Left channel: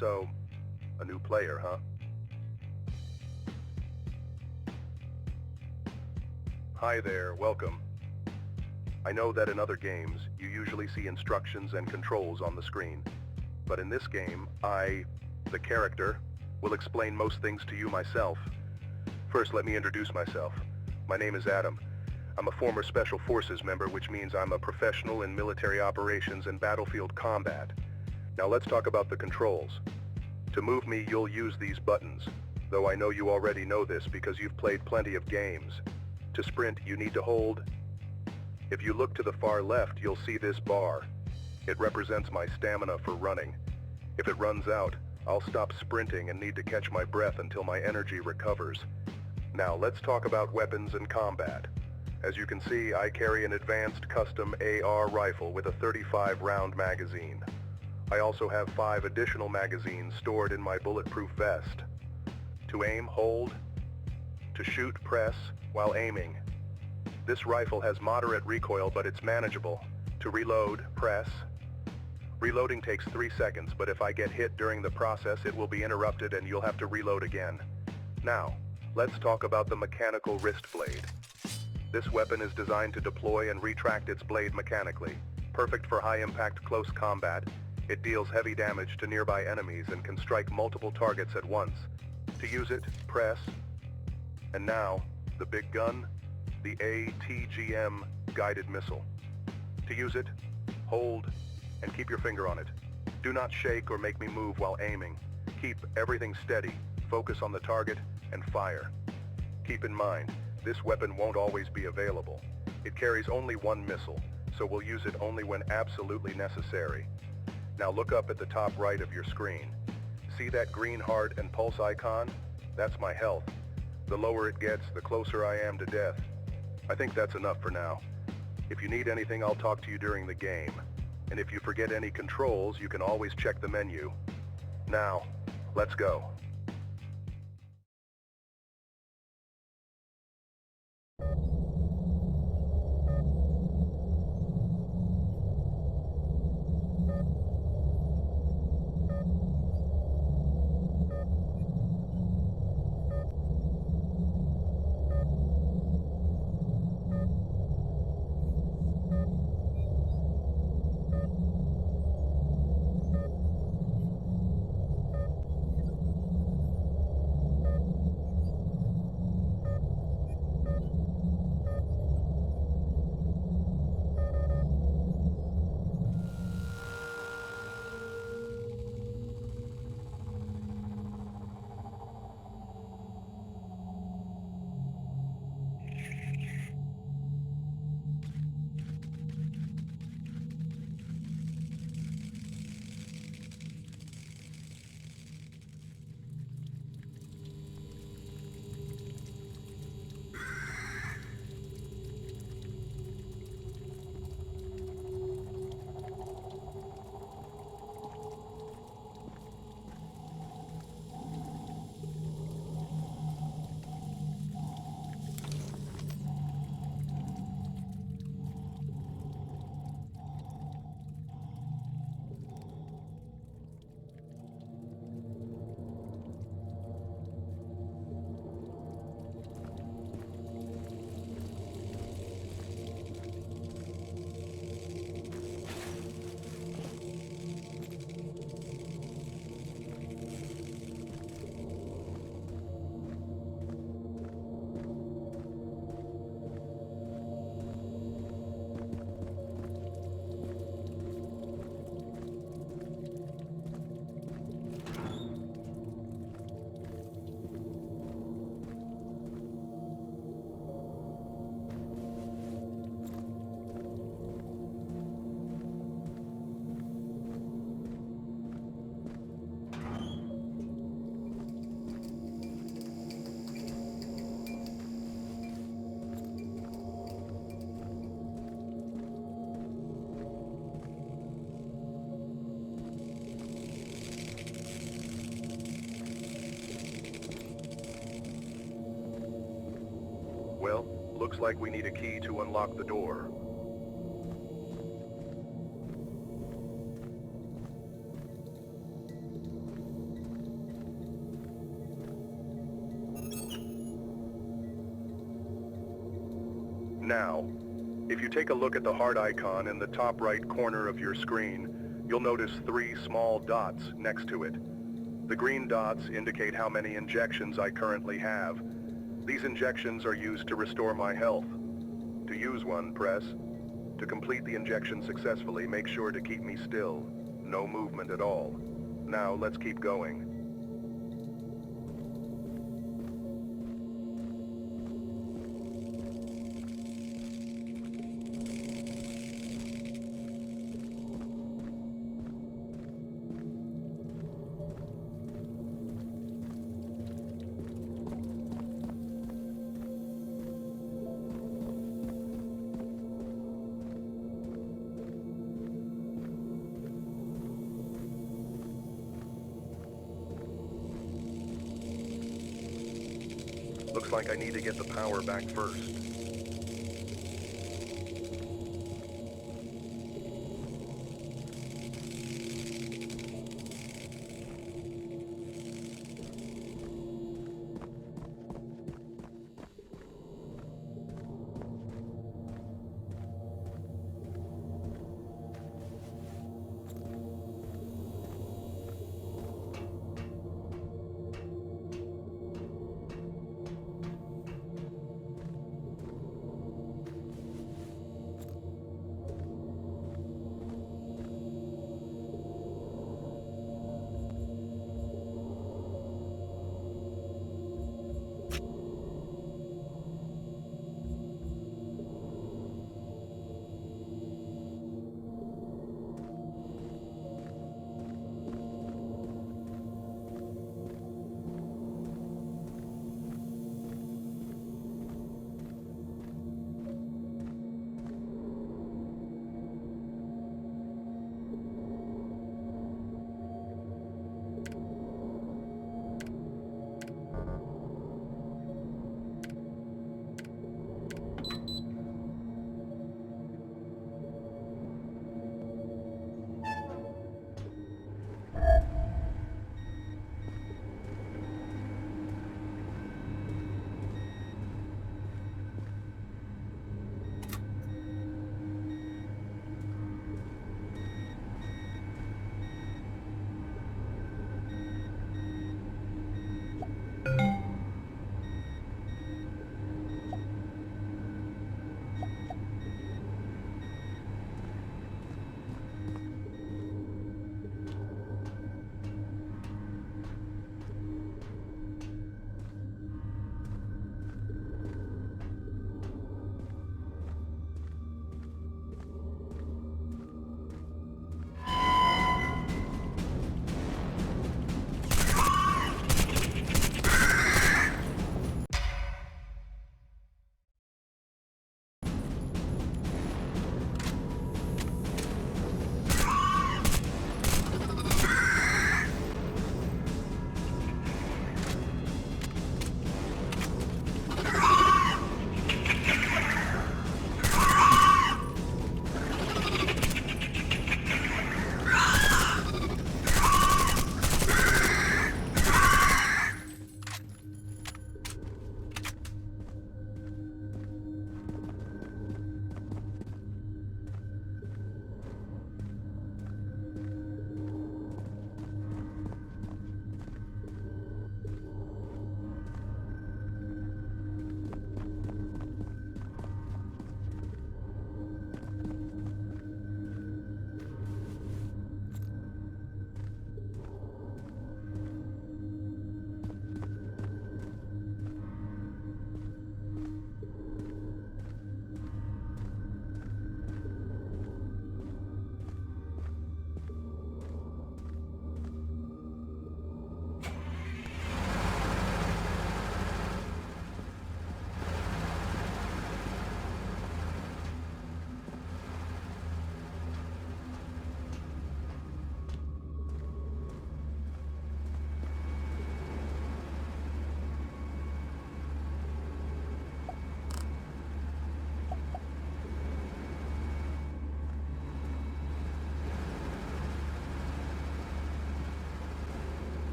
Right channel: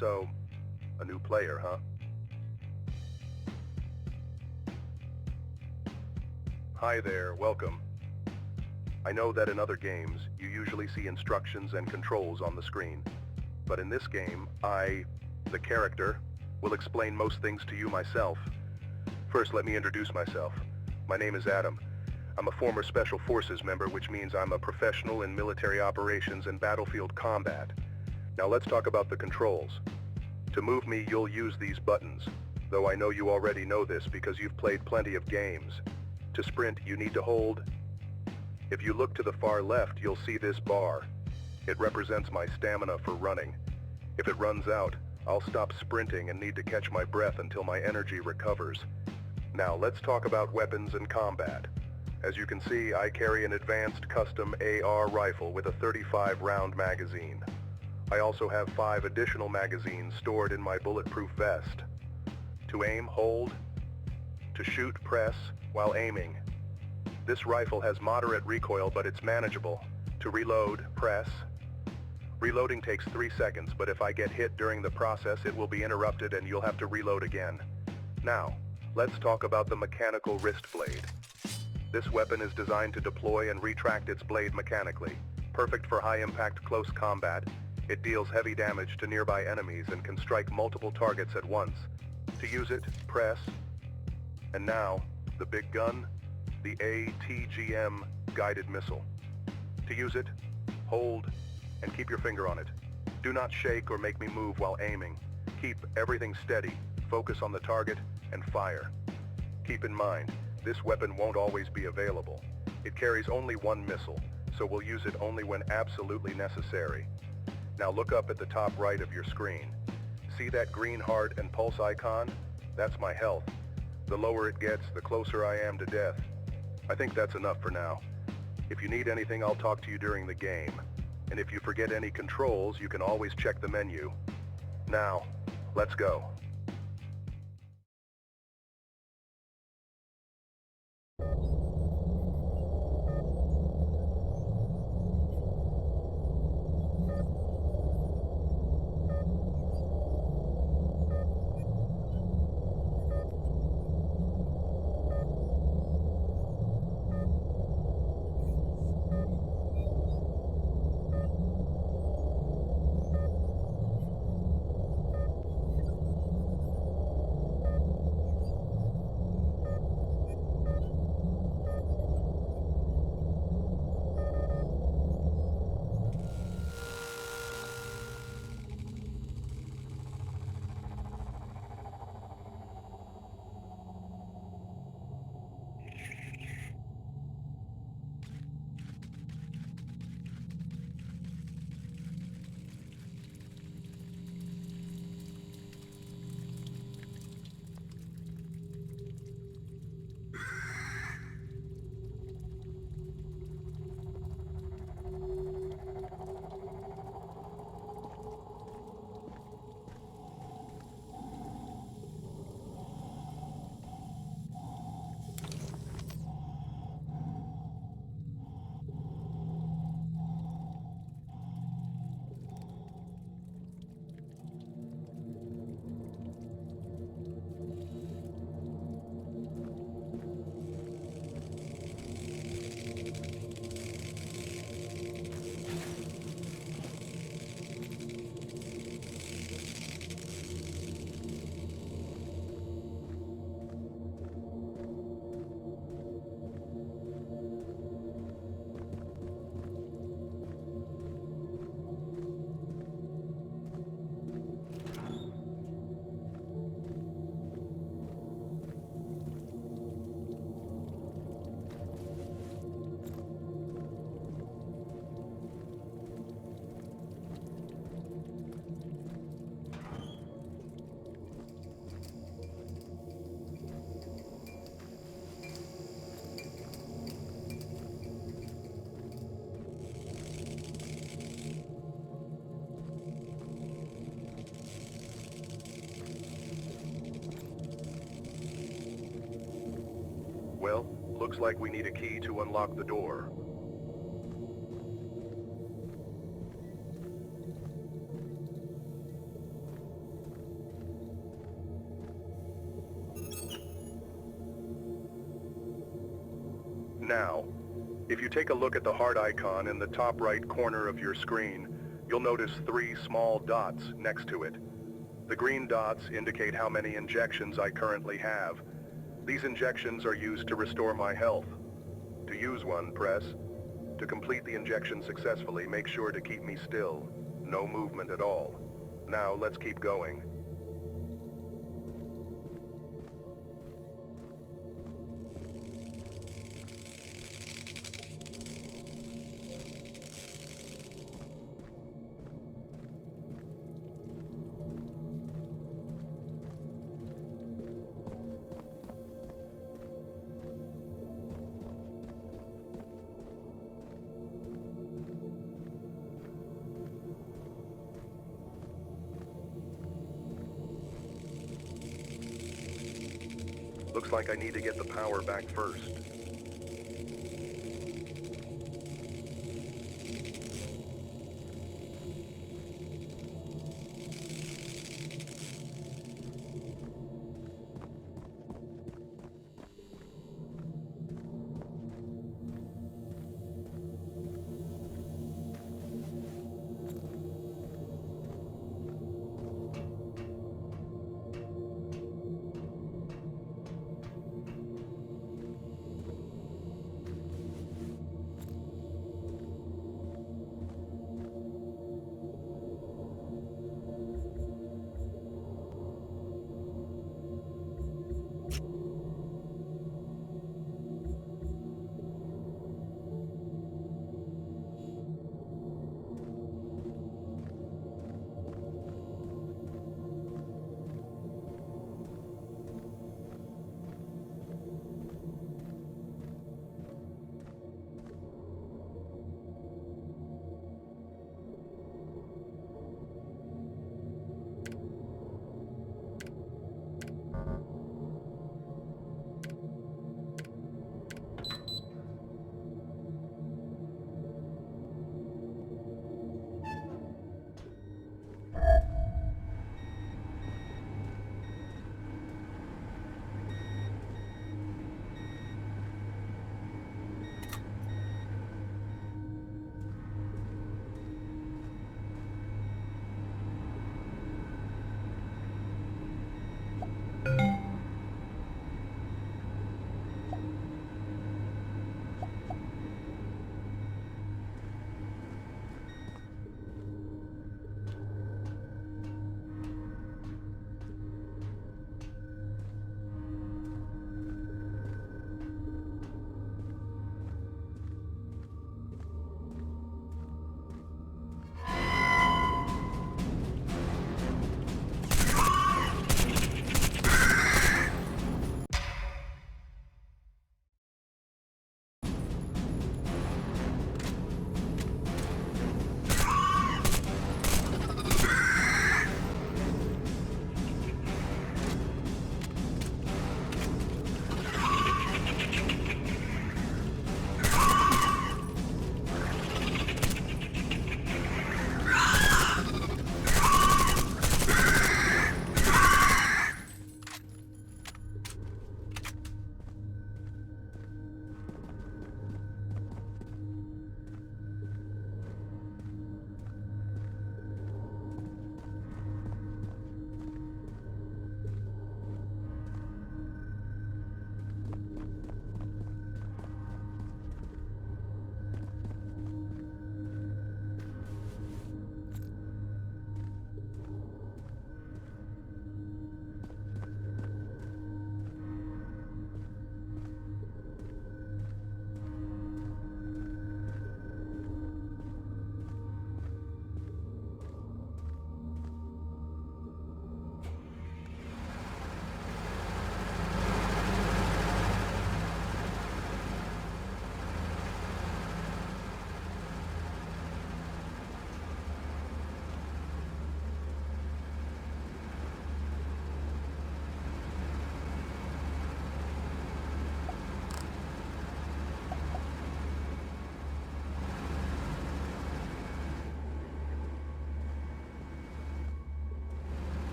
So, a new player, huh? Hi there, welcome. I know that in other games, you usually see instructions and controls on the screen. But in this game, the character, will explain most things to you myself. First, let me introduce myself. My name is Adam. I'm a former Special Forces member, which means I'm a professional in military operations and battlefield combat. Now let's talk about the controls. To move me, you'll use these buttons, though I know you already know this because you've played plenty of games. To sprint, you need to hold. If you look to the far left, you'll see this bar. It represents my stamina for running. If it runs out, I'll stop sprinting and need to catch my breath until my energy recovers. Now let's talk about weapons and combat. As you can see, I carry an advanced custom AR rifle with a 35-round magazine. I also have 5 additional magazines stored in my bulletproof vest. To aim, hold. To shoot, press while aiming. This rifle has moderate recoil, but it's manageable. To reload, press. Reloading takes 3 seconds, but if I get hit during the process, it will be interrupted and you'll have to reload again. Now, let's talk about the mechanical wrist blade. This weapon is designed to deploy and retract its blade mechanically. Perfect for high-impact close combat, it deals heavy damage to nearby enemies and can strike multiple targets at once. To use it, press. And now, the big gun, the ATGM guided missile. To use it, hold, and keep your finger on it. Do not shake or make me move while aiming. Keep everything steady, focus on the target, and fire. Keep in mind, this weapon won't always be available. It carries only 1 missile, so we'll use it only when absolutely necessary. Now look up at the top right of your screen. See that green heart and pulse icon? That's my health. The lower it gets, the closer I am to death. I think that's enough for now. If you need anything, I'll talk to you during the game. And if you forget any controls, you can always check the menu. Now, let's go. Well, looks like we need a key to unlock the door. Now, if you take a look at the heart icon in the top right corner of your screen, you'll notice 3 small dots next to it. The green dots indicate how many injections I currently have. These injections are used to restore my health. To use one, press. To complete the injection successfully, make sure to keep me still. No movement at all. Now, let's keep going. Looks like I need to get the power back first.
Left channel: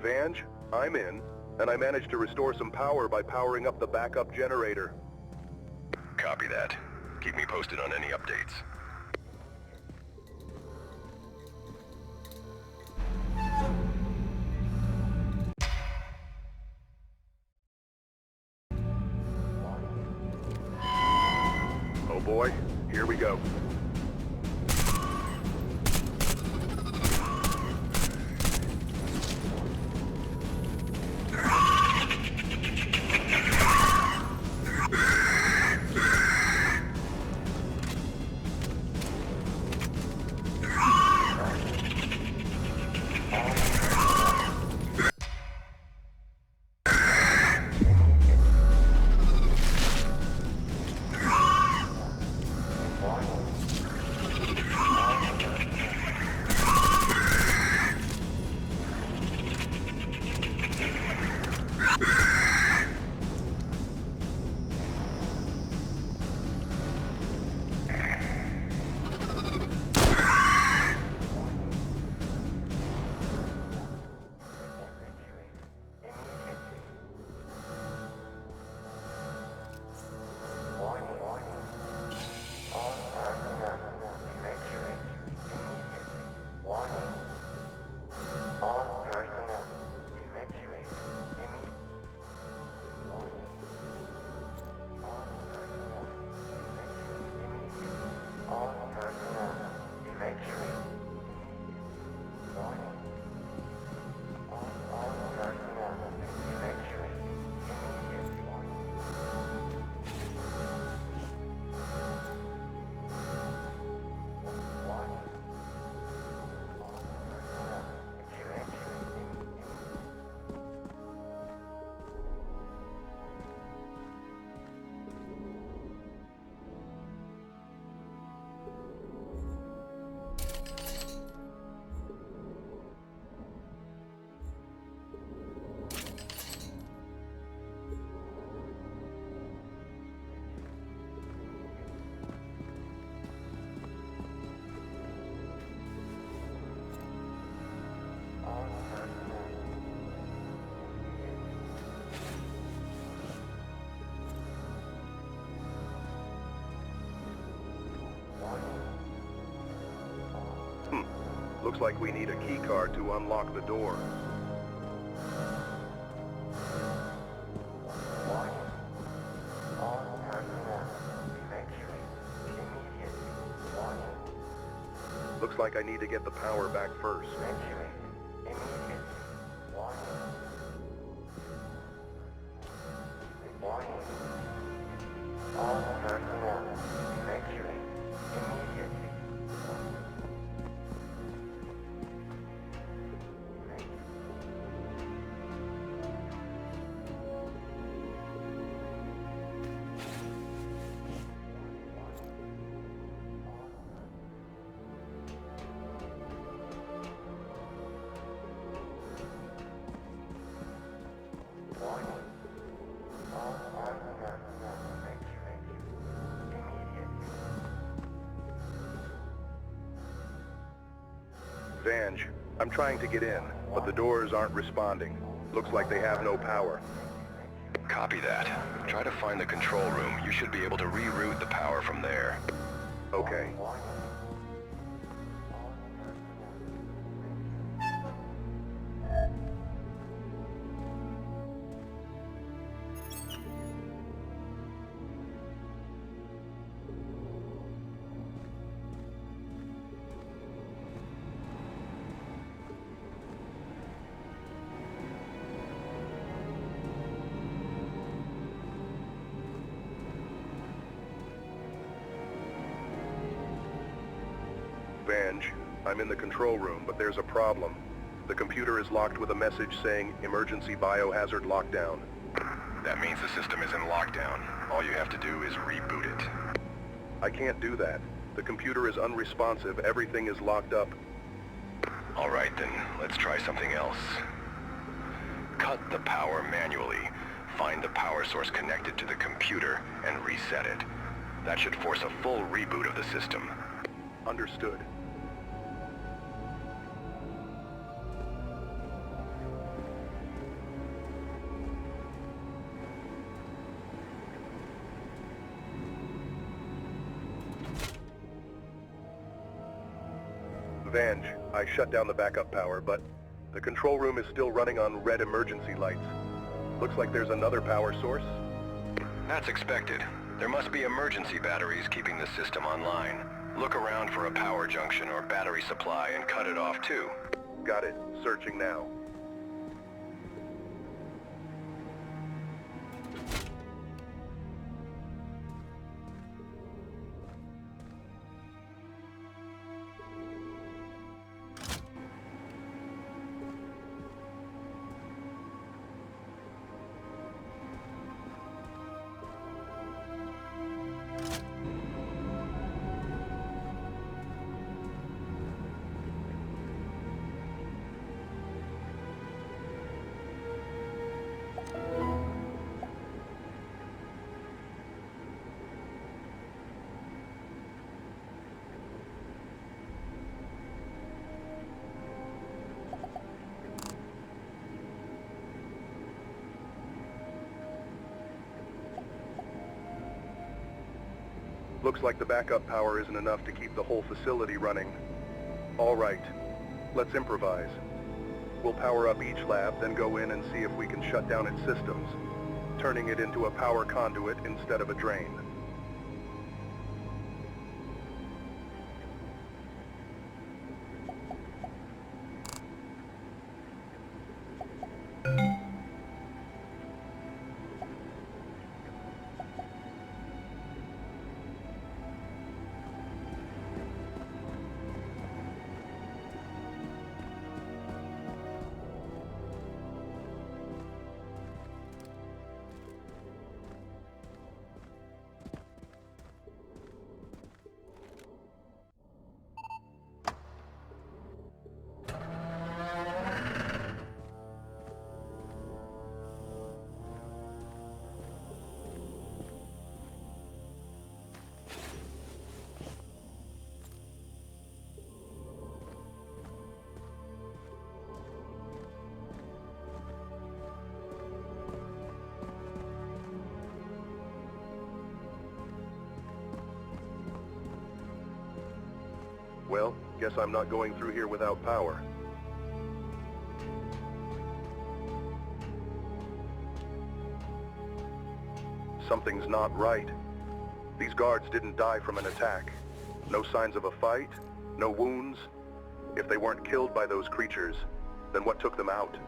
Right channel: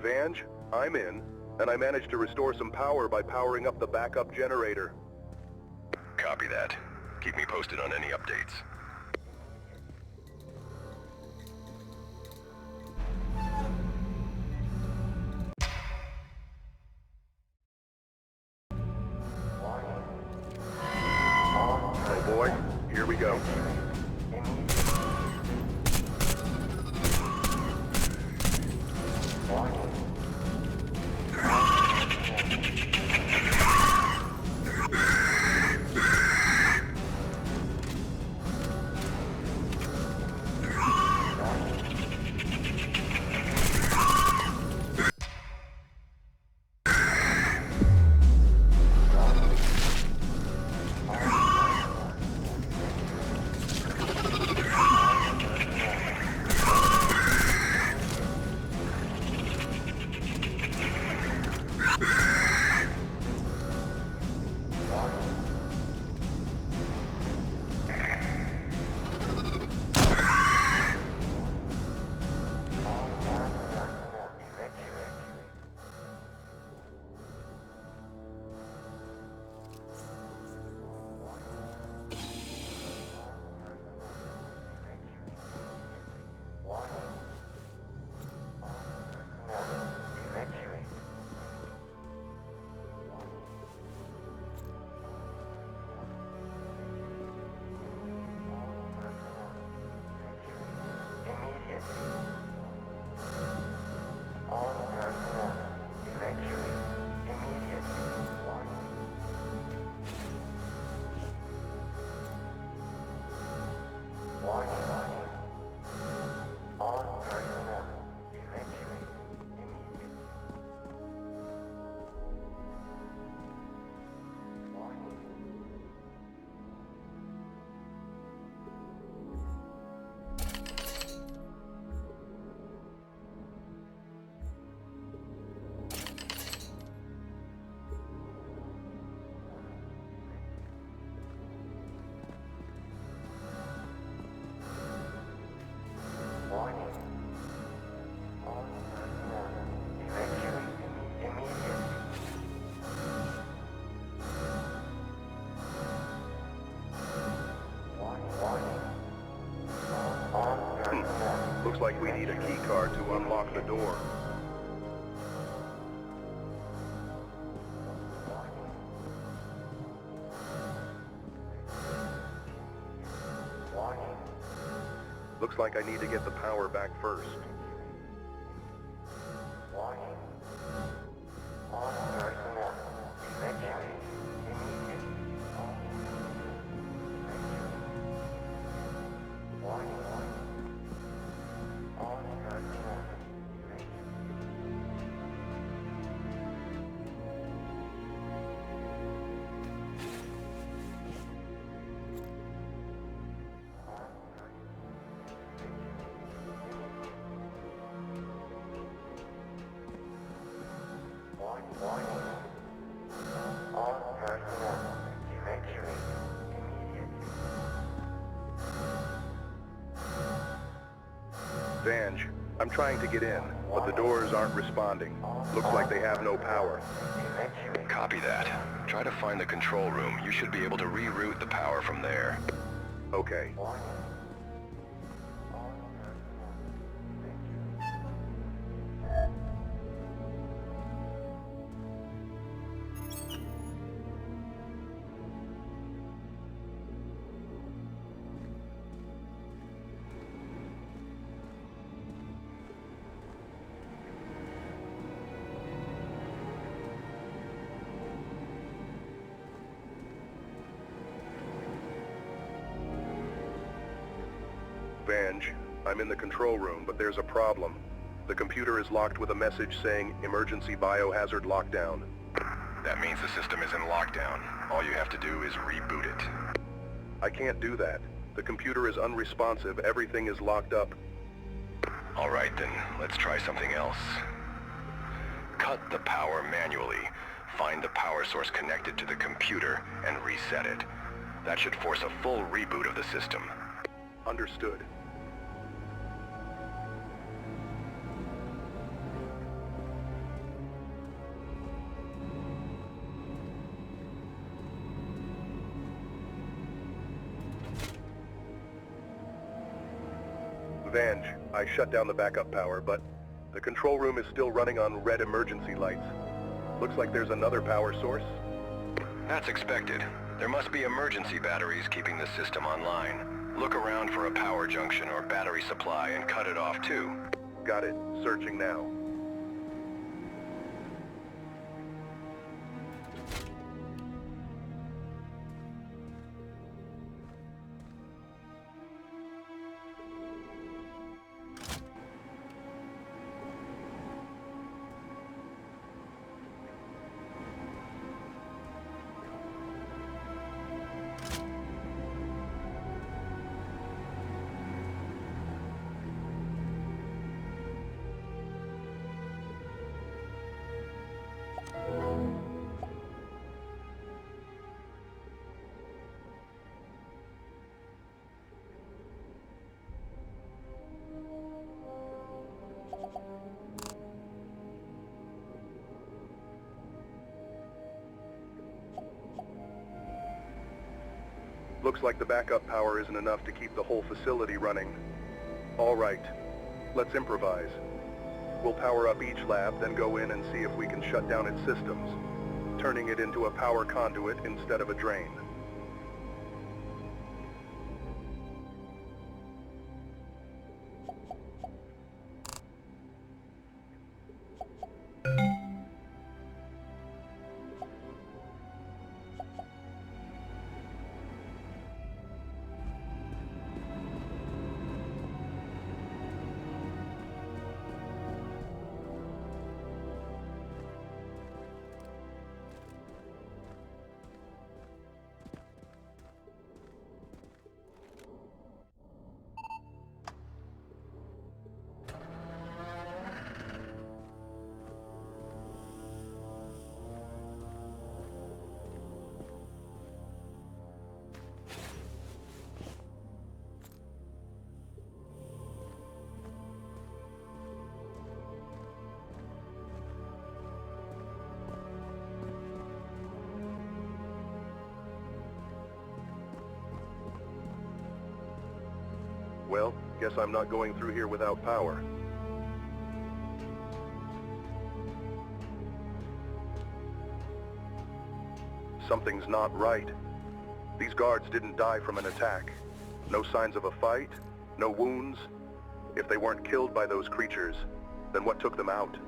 Vange, I'm in, and I managed to restore some power by powering up the backup generator. Copy that. Keep me posted on any updates. Oh boy, here we go. Looks like we need a key card to unlock the door. Looks like I need to get the power back first. Vange, I'm trying to get in, but the doors aren't responding. Looks like they have no power. Copy that. Try to find the control room. You should be able to reroute the power from there. Okay. Vange, I'm in the control room, but there's a problem. The computer is locked with a message saying emergency biohazard lockdown. That means the system is in lockdown. All you have to do is reboot it. I can't do that. The computer is unresponsive. Everything is locked up. All right then, let's try something else. Cut the power manually. Find the power source connected to the computer and reset it. That should force a full reboot of the system. Understood. Vange, I shut down the backup power, but the control room is still running on red emergency lights. Looks like there's another power source. That's expected. There must be emergency batteries keeping the system online. Look around for a power junction or battery supply and cut it off too. Got it. Searching now. Looks like the backup power isn't enough to keep the whole facility running. All right, let's improvise. We'll power up each lab, then go in and see if we can shut down its systems, turning it into a power conduit instead of a drain. Well, guess I'm not going through here without power. Something's not right. These guards didn't die from an attack. No signs of a fight, no wounds. If they weren't killed by those creatures, then what took them out?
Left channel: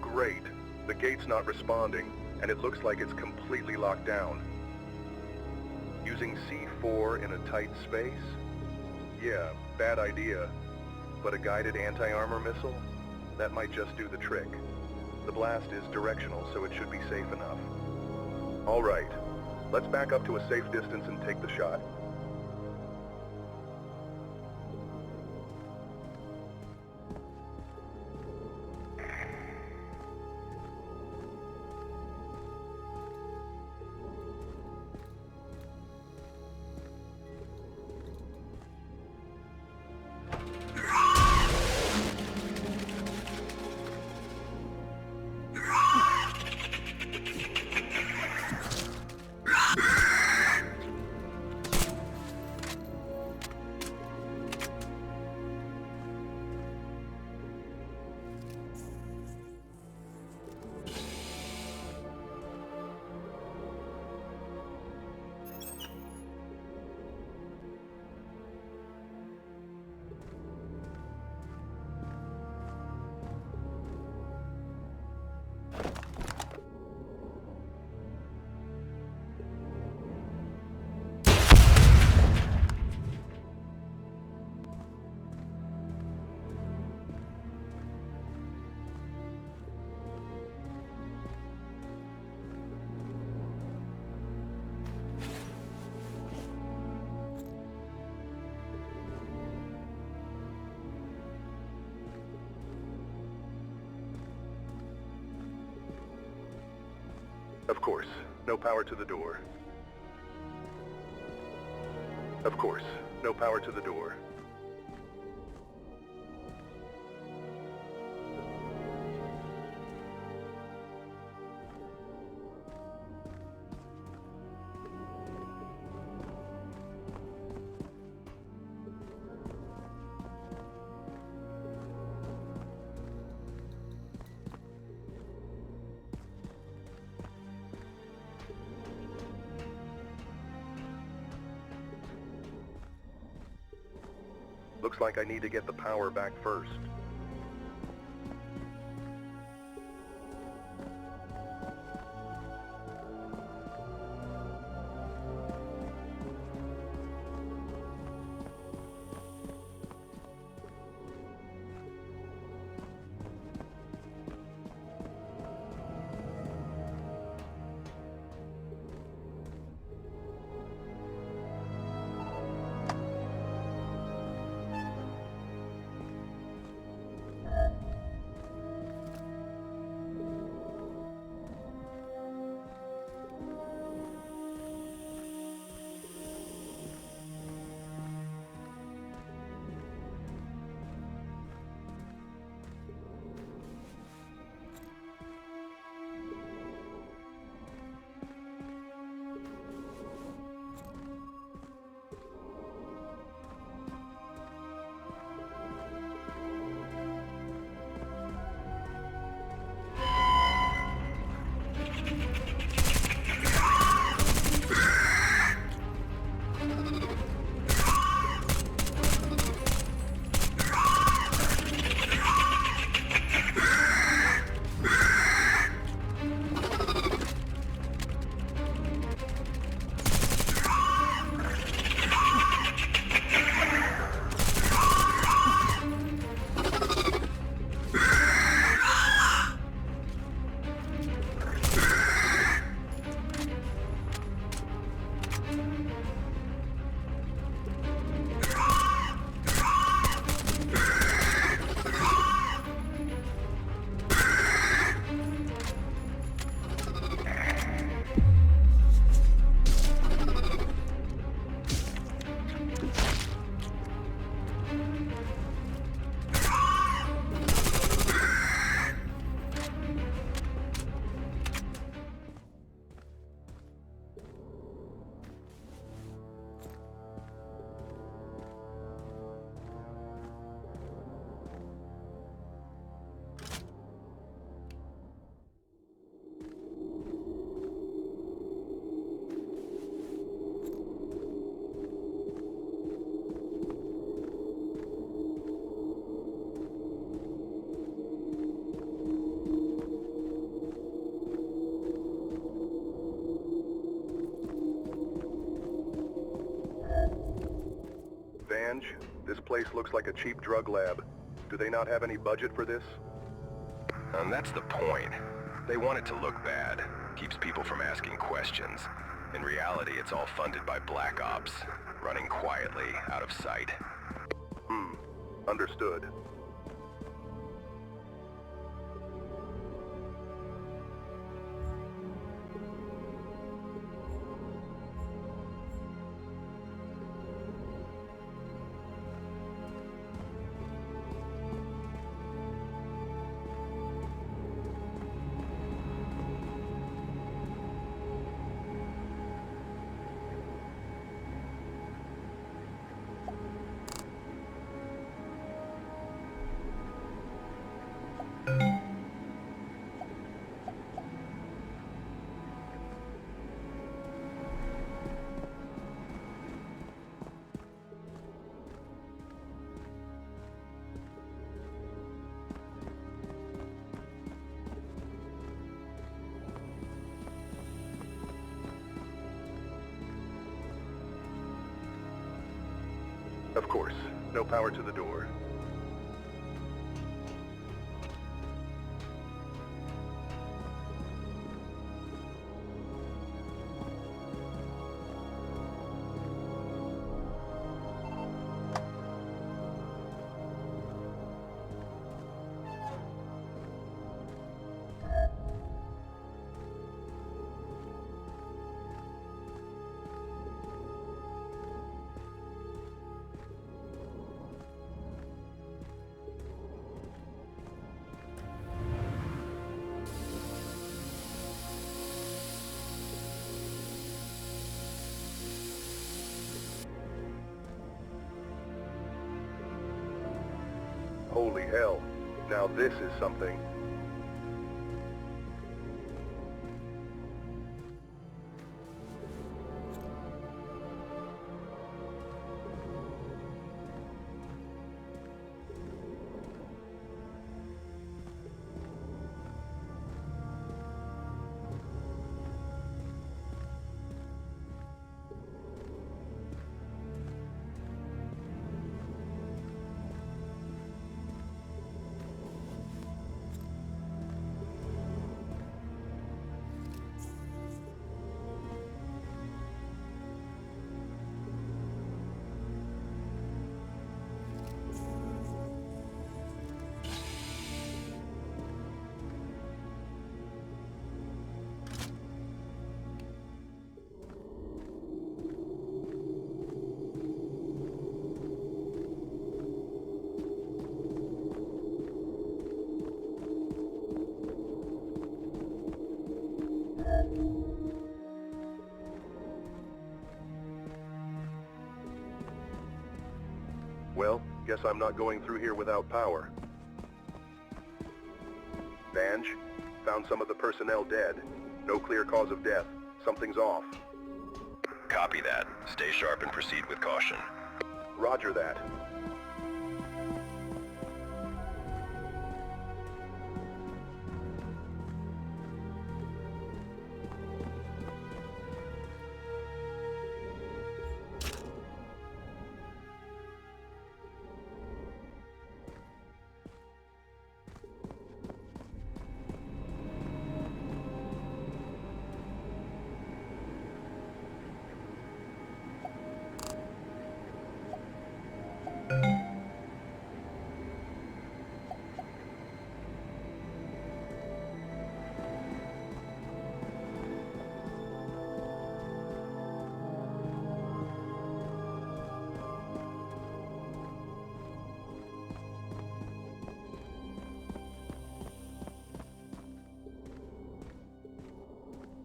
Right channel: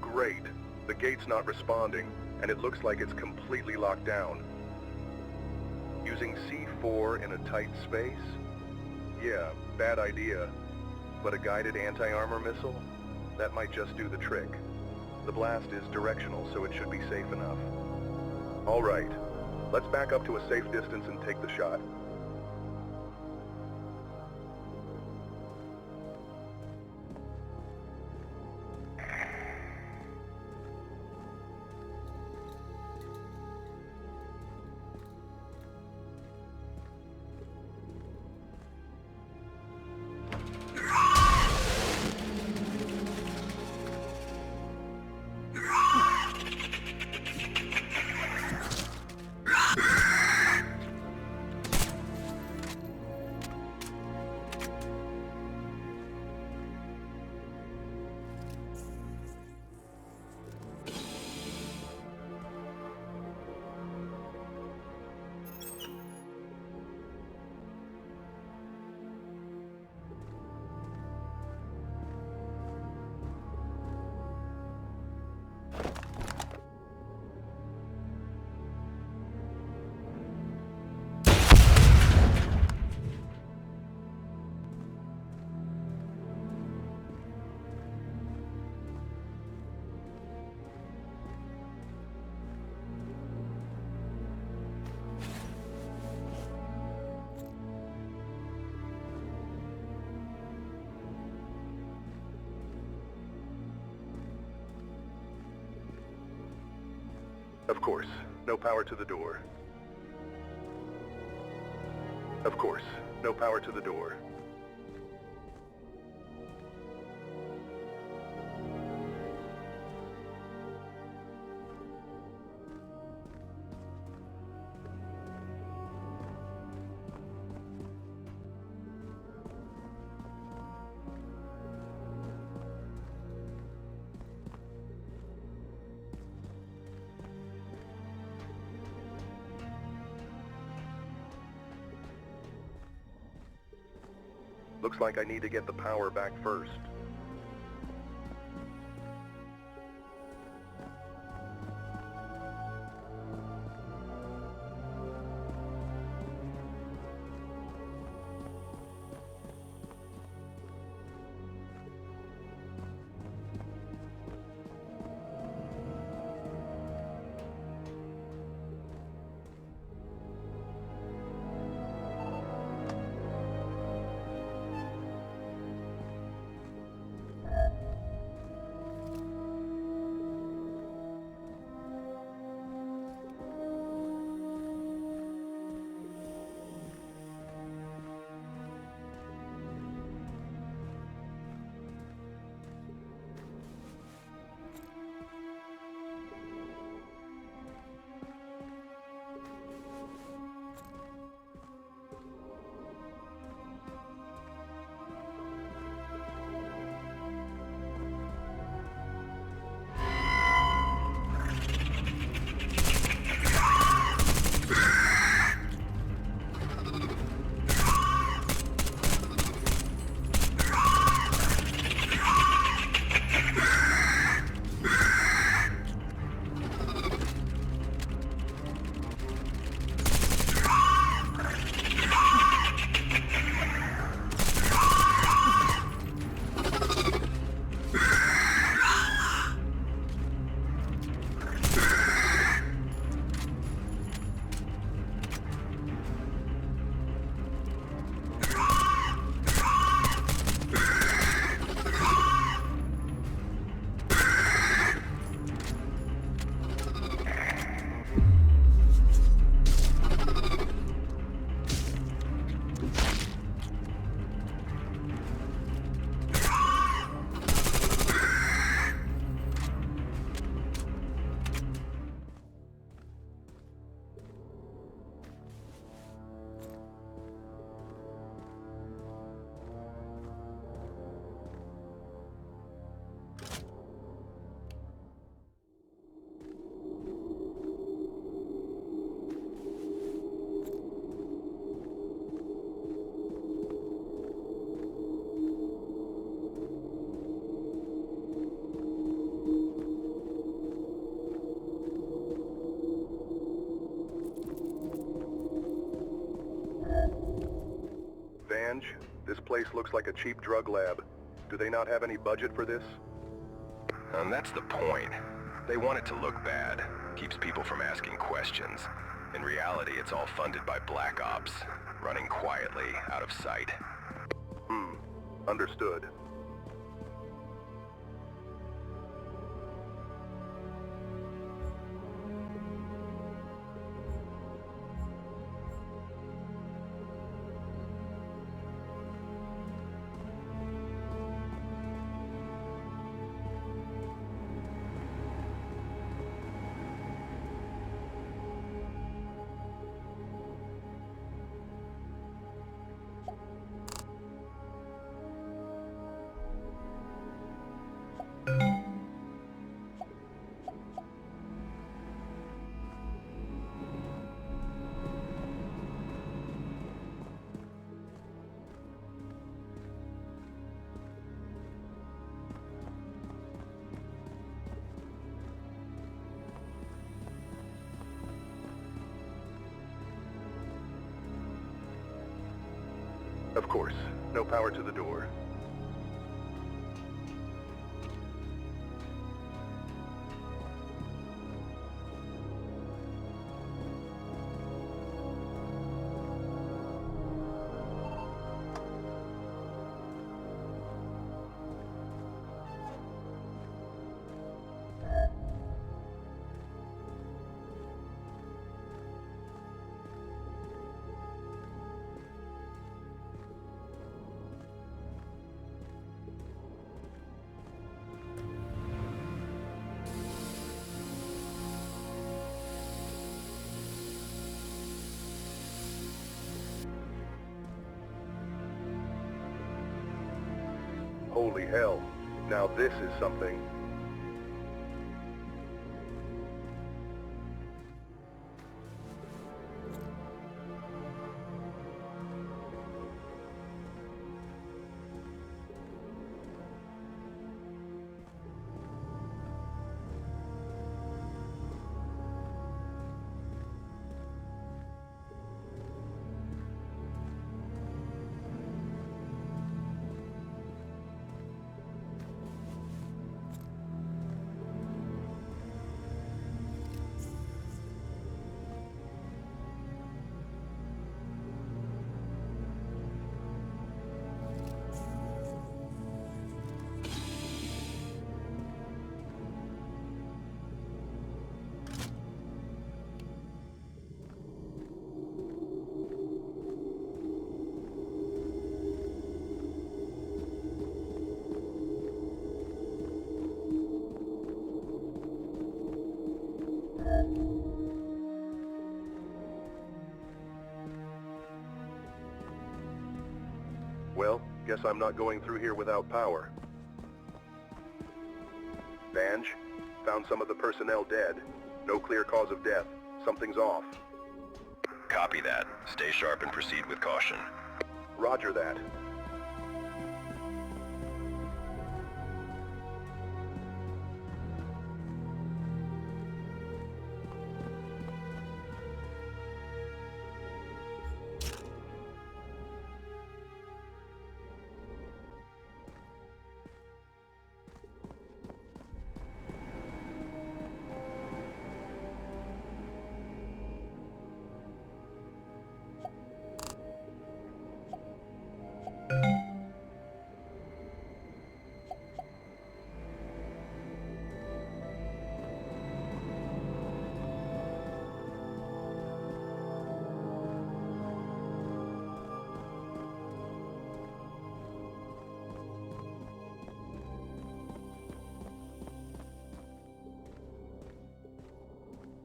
Great. The gate's not responding, and it looks like it's completely locked down. Using C4 in a tight space? Yeah, bad idea. But a guided anti-armor missile? That might just do the trick. The blast is directional, so it should be safe enough. All right. Let's back up to a safe distance and take the shot. Of course, no power to the door. Of course, no power to the door. Looks like I need to get the power back first. Vange, this place looks like a cheap drug lab. Do they not have any budget for this? And that's the point. They want it to look bad. Keeps people from asking questions. In reality, it's all funded by Black Ops, running quietly, out of sight. Understood. Of course, no power to the door. Holy hell. Now this is something. Well, guess I'm not going through here without power. Vange, found some of the personnel dead. No clear cause of death. Something's off. Copy that. Stay sharp and proceed with caution. Roger that.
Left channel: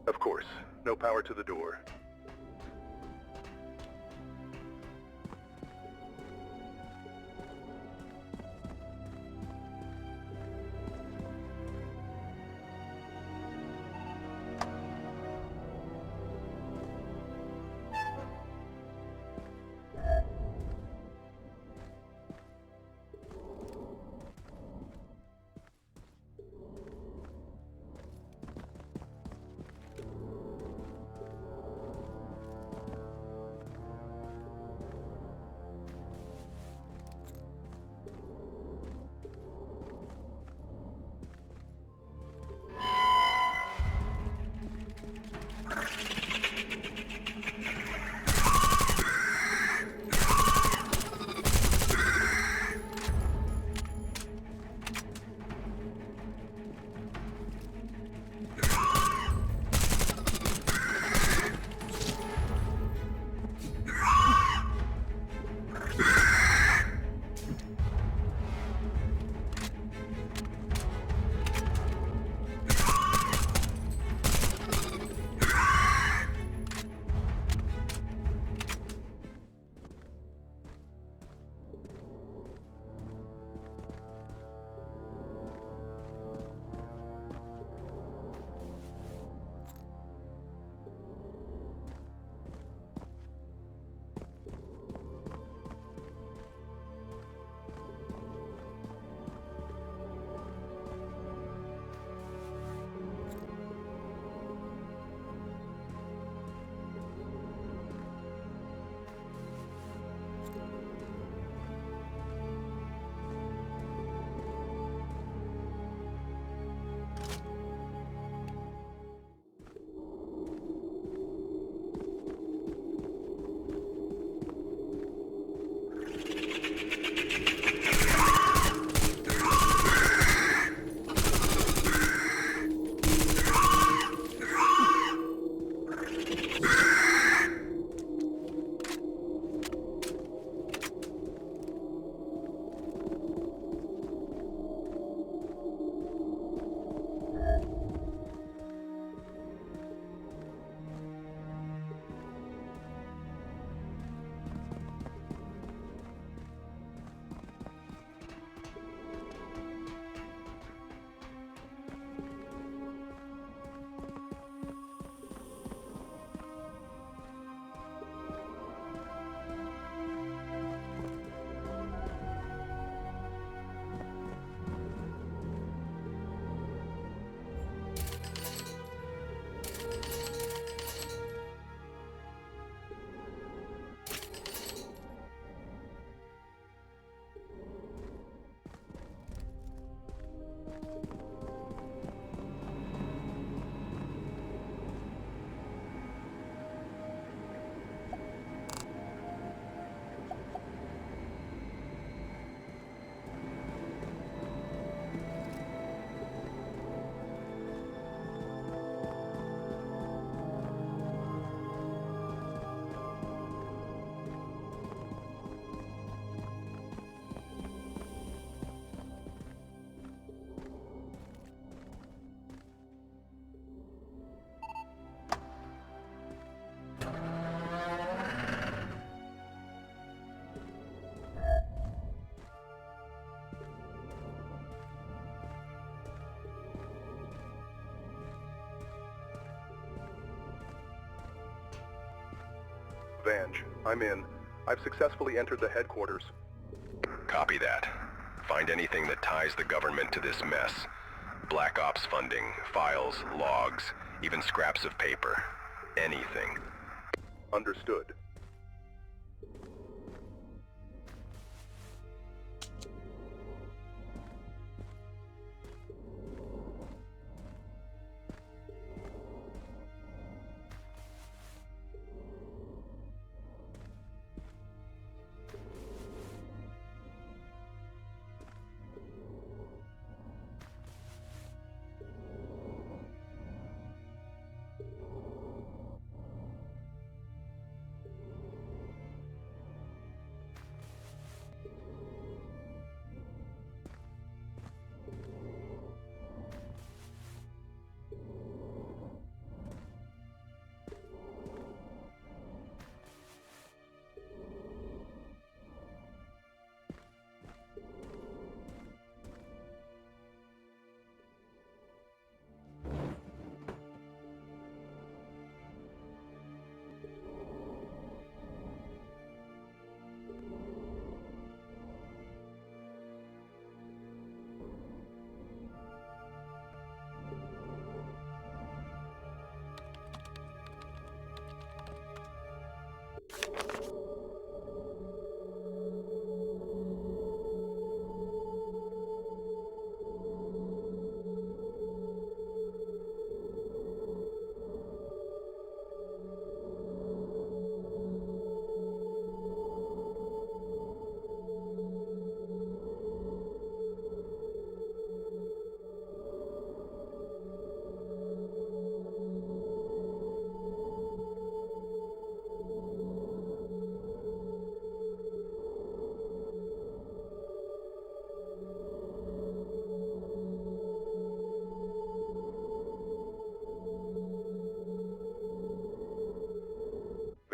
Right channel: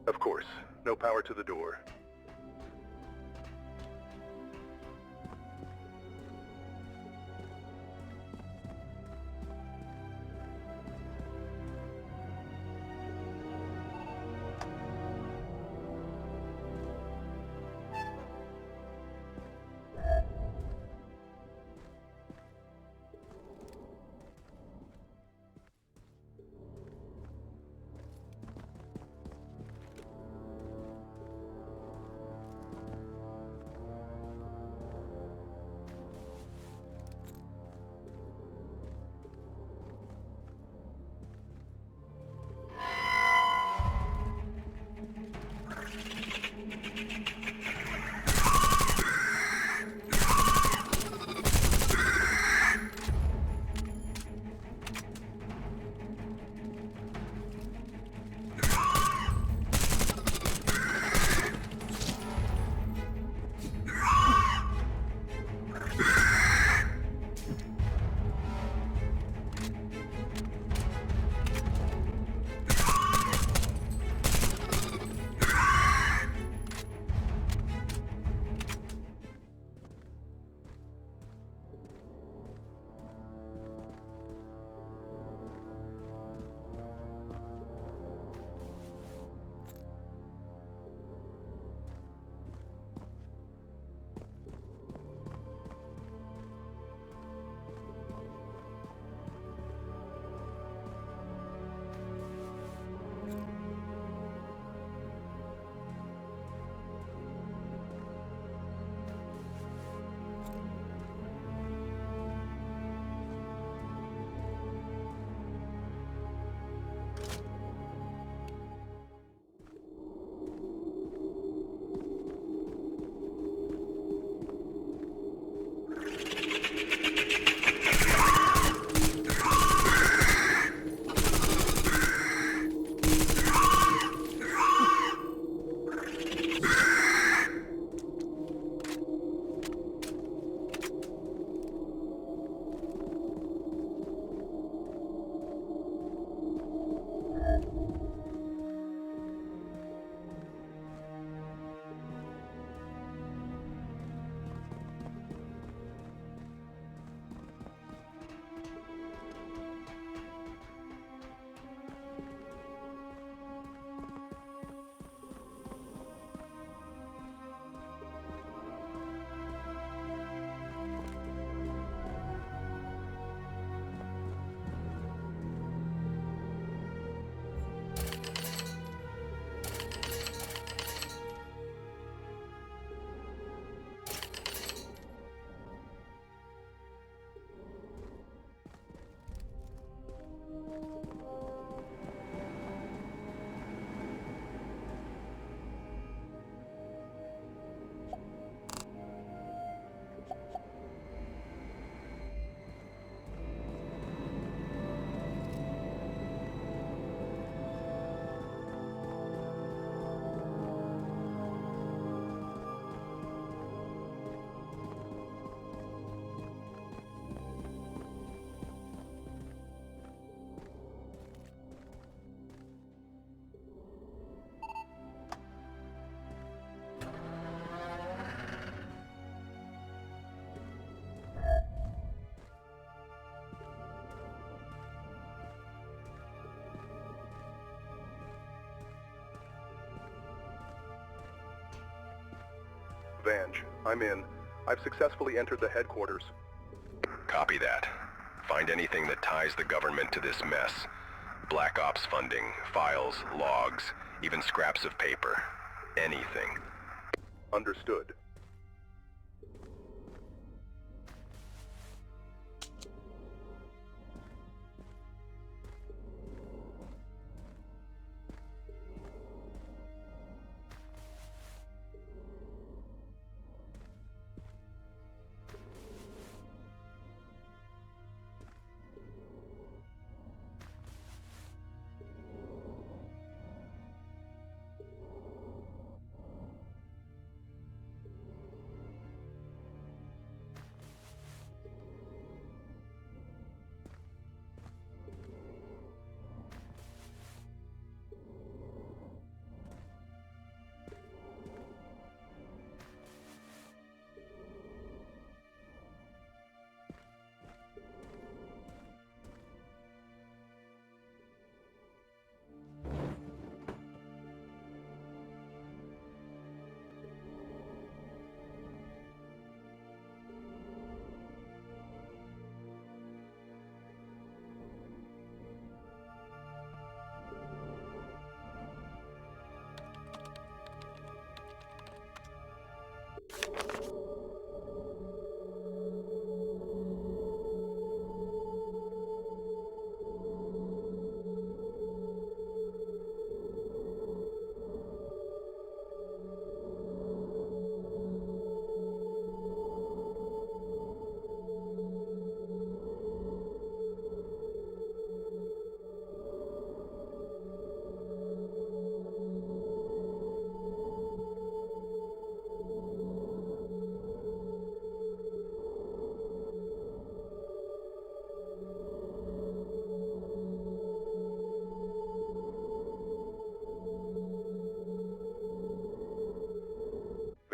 Of course, no power to the door. Vange, I'm in. I've successfully entered the headquarters. Copy that. Find anything that ties the government to this mess. Black Ops funding, files, logs, even scraps of paper. Anything. Understood.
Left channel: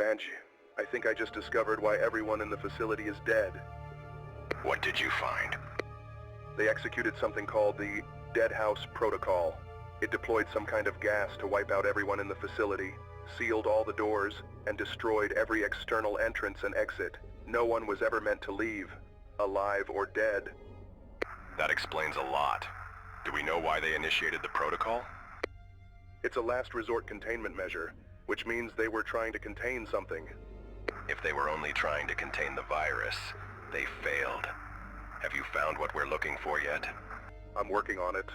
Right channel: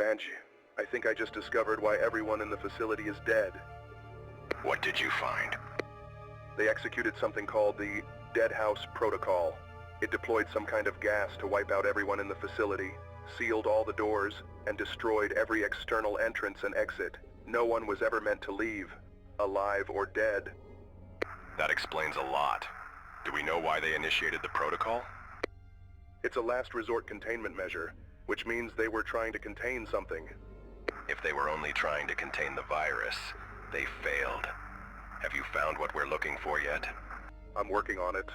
Vange, I think I just discovered why everyone in the facility is dead. What did you find? They executed something called the Dead House Protocol. It deployed some kind of gas to wipe out everyone in the facility, sealed all the doors, and destroyed every external entrance and exit. No one was ever meant to leave, alive or dead. That explains a lot. Do we know why they initiated the protocol? It's a last resort containment measure, which means they were trying to contain something. If they were only trying to contain the virus, they failed. Have you found what we're looking for yet? I'm working on it.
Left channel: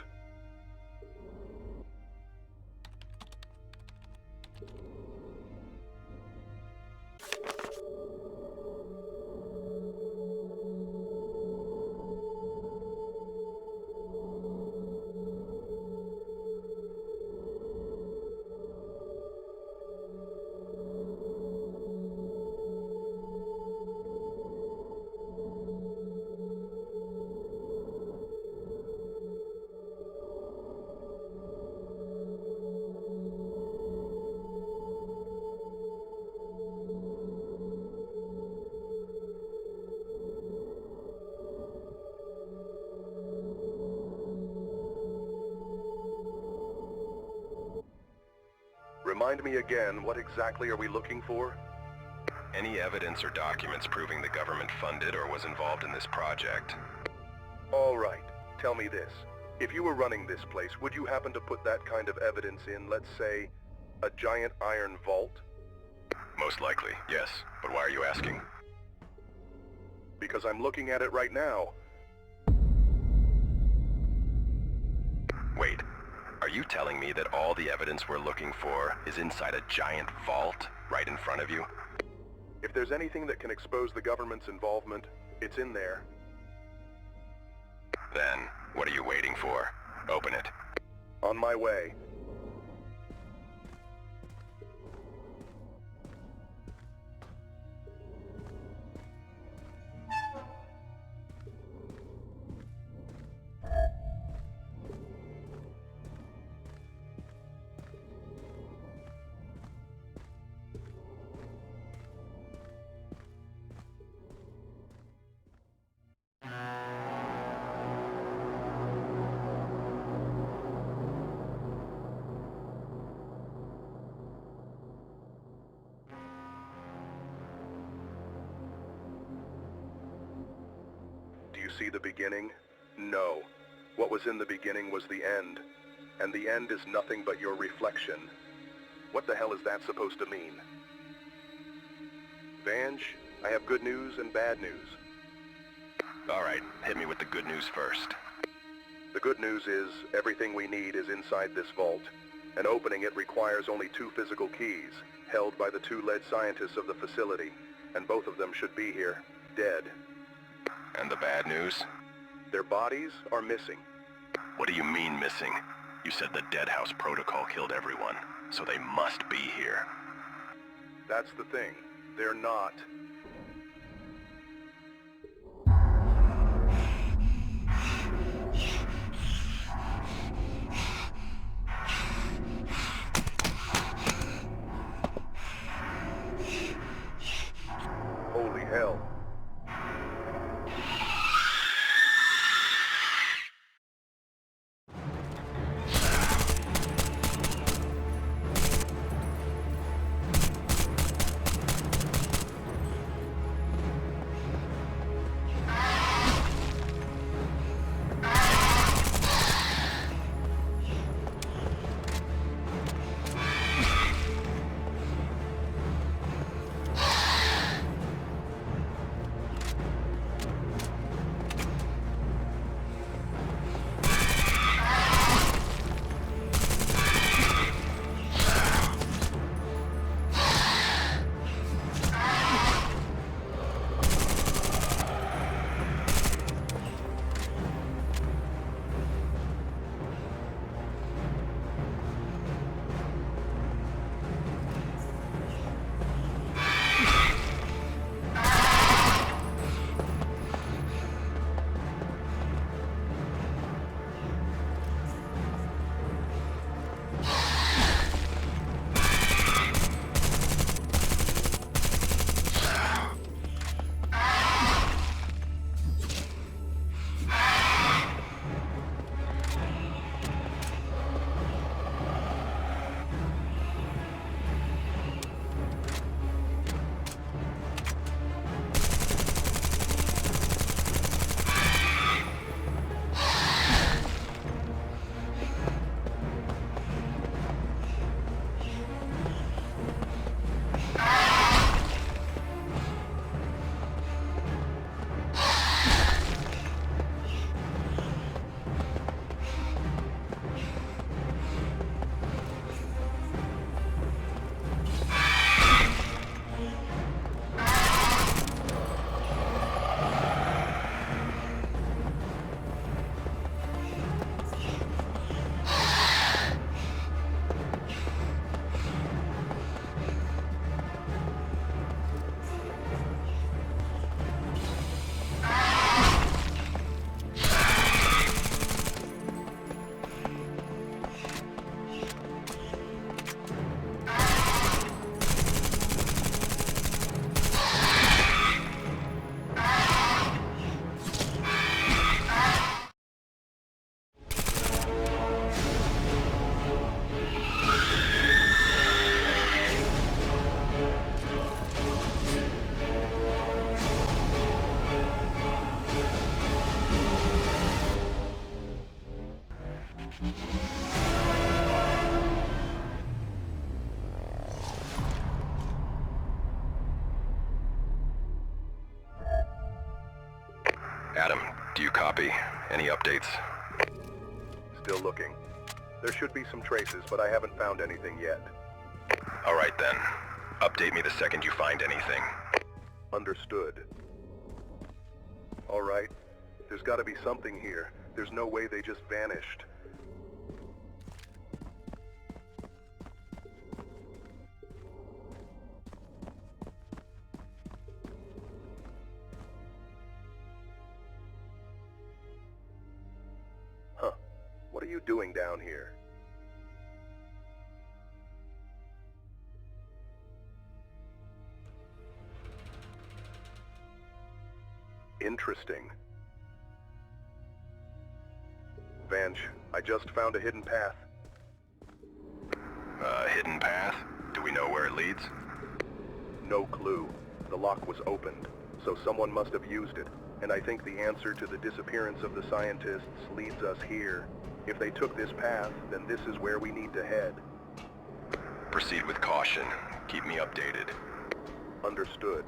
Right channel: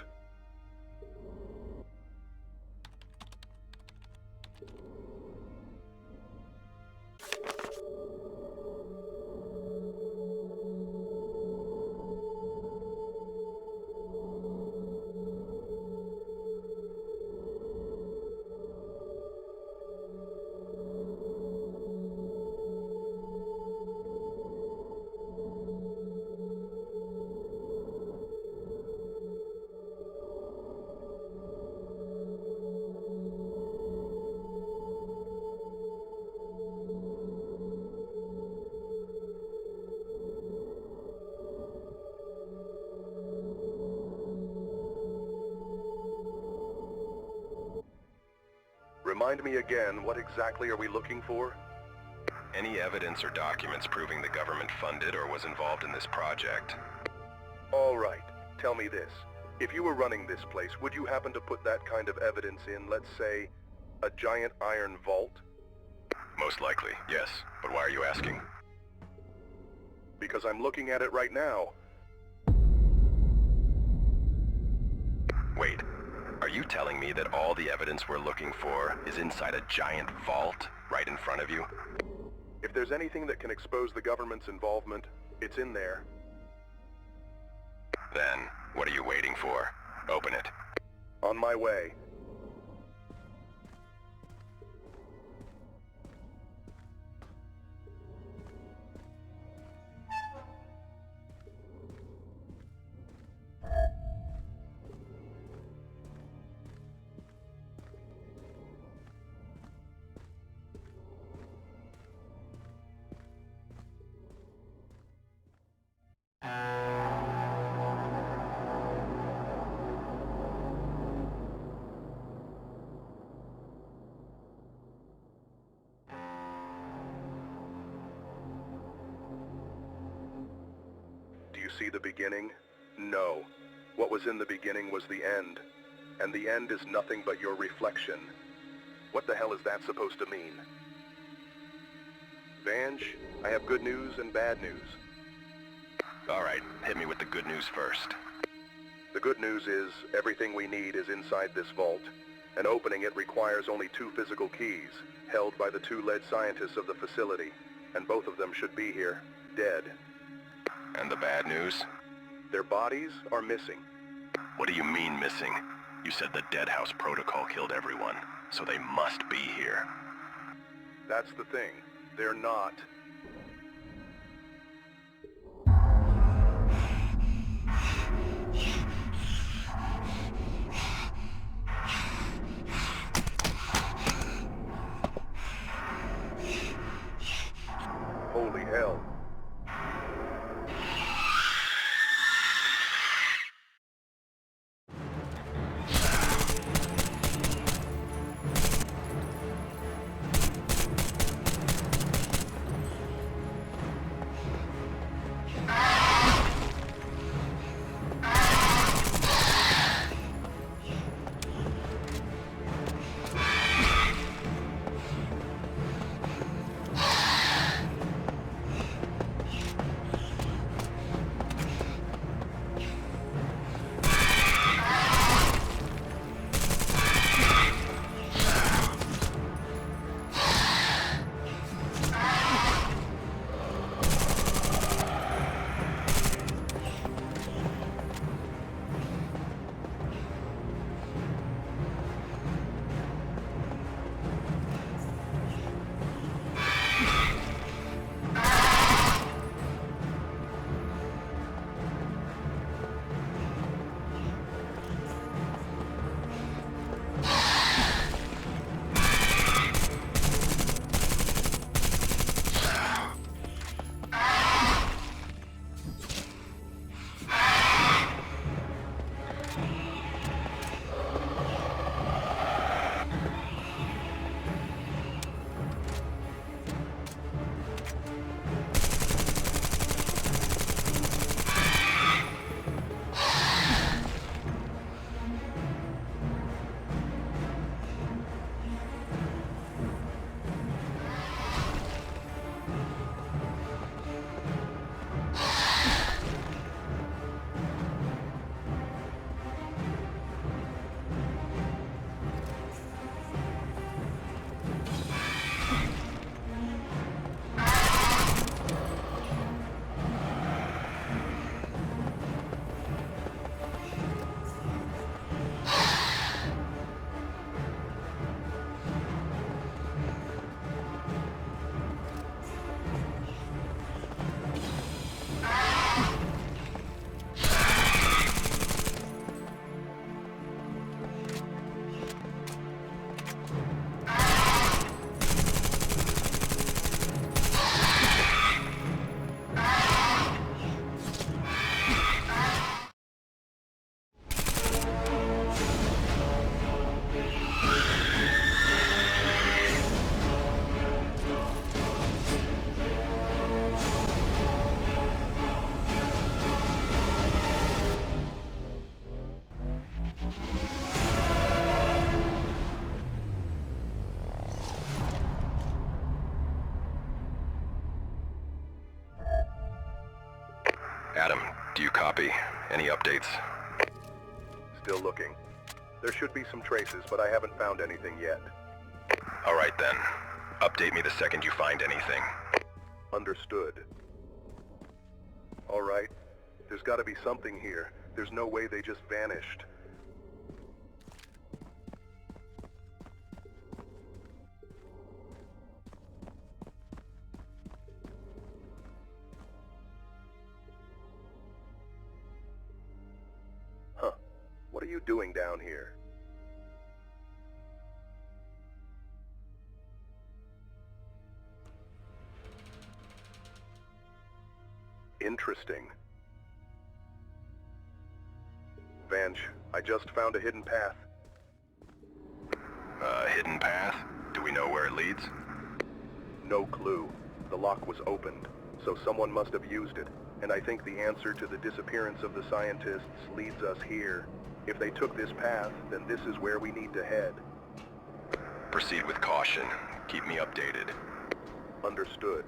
Remind me again, what exactly are we looking for? Any evidence or documents proving the government funded or was involved in this project. All right, tell me this. If you were running this place, would you happen to put that kind of evidence in, let's say, a giant iron vault? Most likely, yes. But why are you asking? Because I'm looking at it right now. Wait, are you telling me that all the evidence we're looking for is inside a giant vault right in front of you? If there's anything that can expose the government's involvement, it's in there. Then, what are you waiting for? Open it. On my way. see the beginning? No. What was in the beginning was the end. And the end is nothing but your reflection. What the hell is that supposed to mean? Vange, I have good news and bad news. Alright, hit me with the good news first. The good news is, everything we need is inside this vault, and opening it requires only 2 physical keys, held by the 2 lead scientists of the facility, and both of them should be here, dead. And the bad news? Their bodies are missing. What do you mean missing? You said the Dead House Protocol killed everyone, so they must be here. That's the thing. They're not. Holy hell. Adam, do you copy? Any updates? Still looking. There should be some traces, but I haven't found anything yet. Alright then. Update me the second you find anything. Understood. Alright. There's gotta be something here. There's no way they just vanished. Huh. What are you doing down here? Interesting. Vange, I just found a hidden path. Hidden path? Do we know where it leads? No clue. The lock was opened, so someone must have used it. And I think the answer to the disappearance of the scientists leads us here. If they took this path, then this is where we need to head. Proceed with caution. Keep me updated. Understood.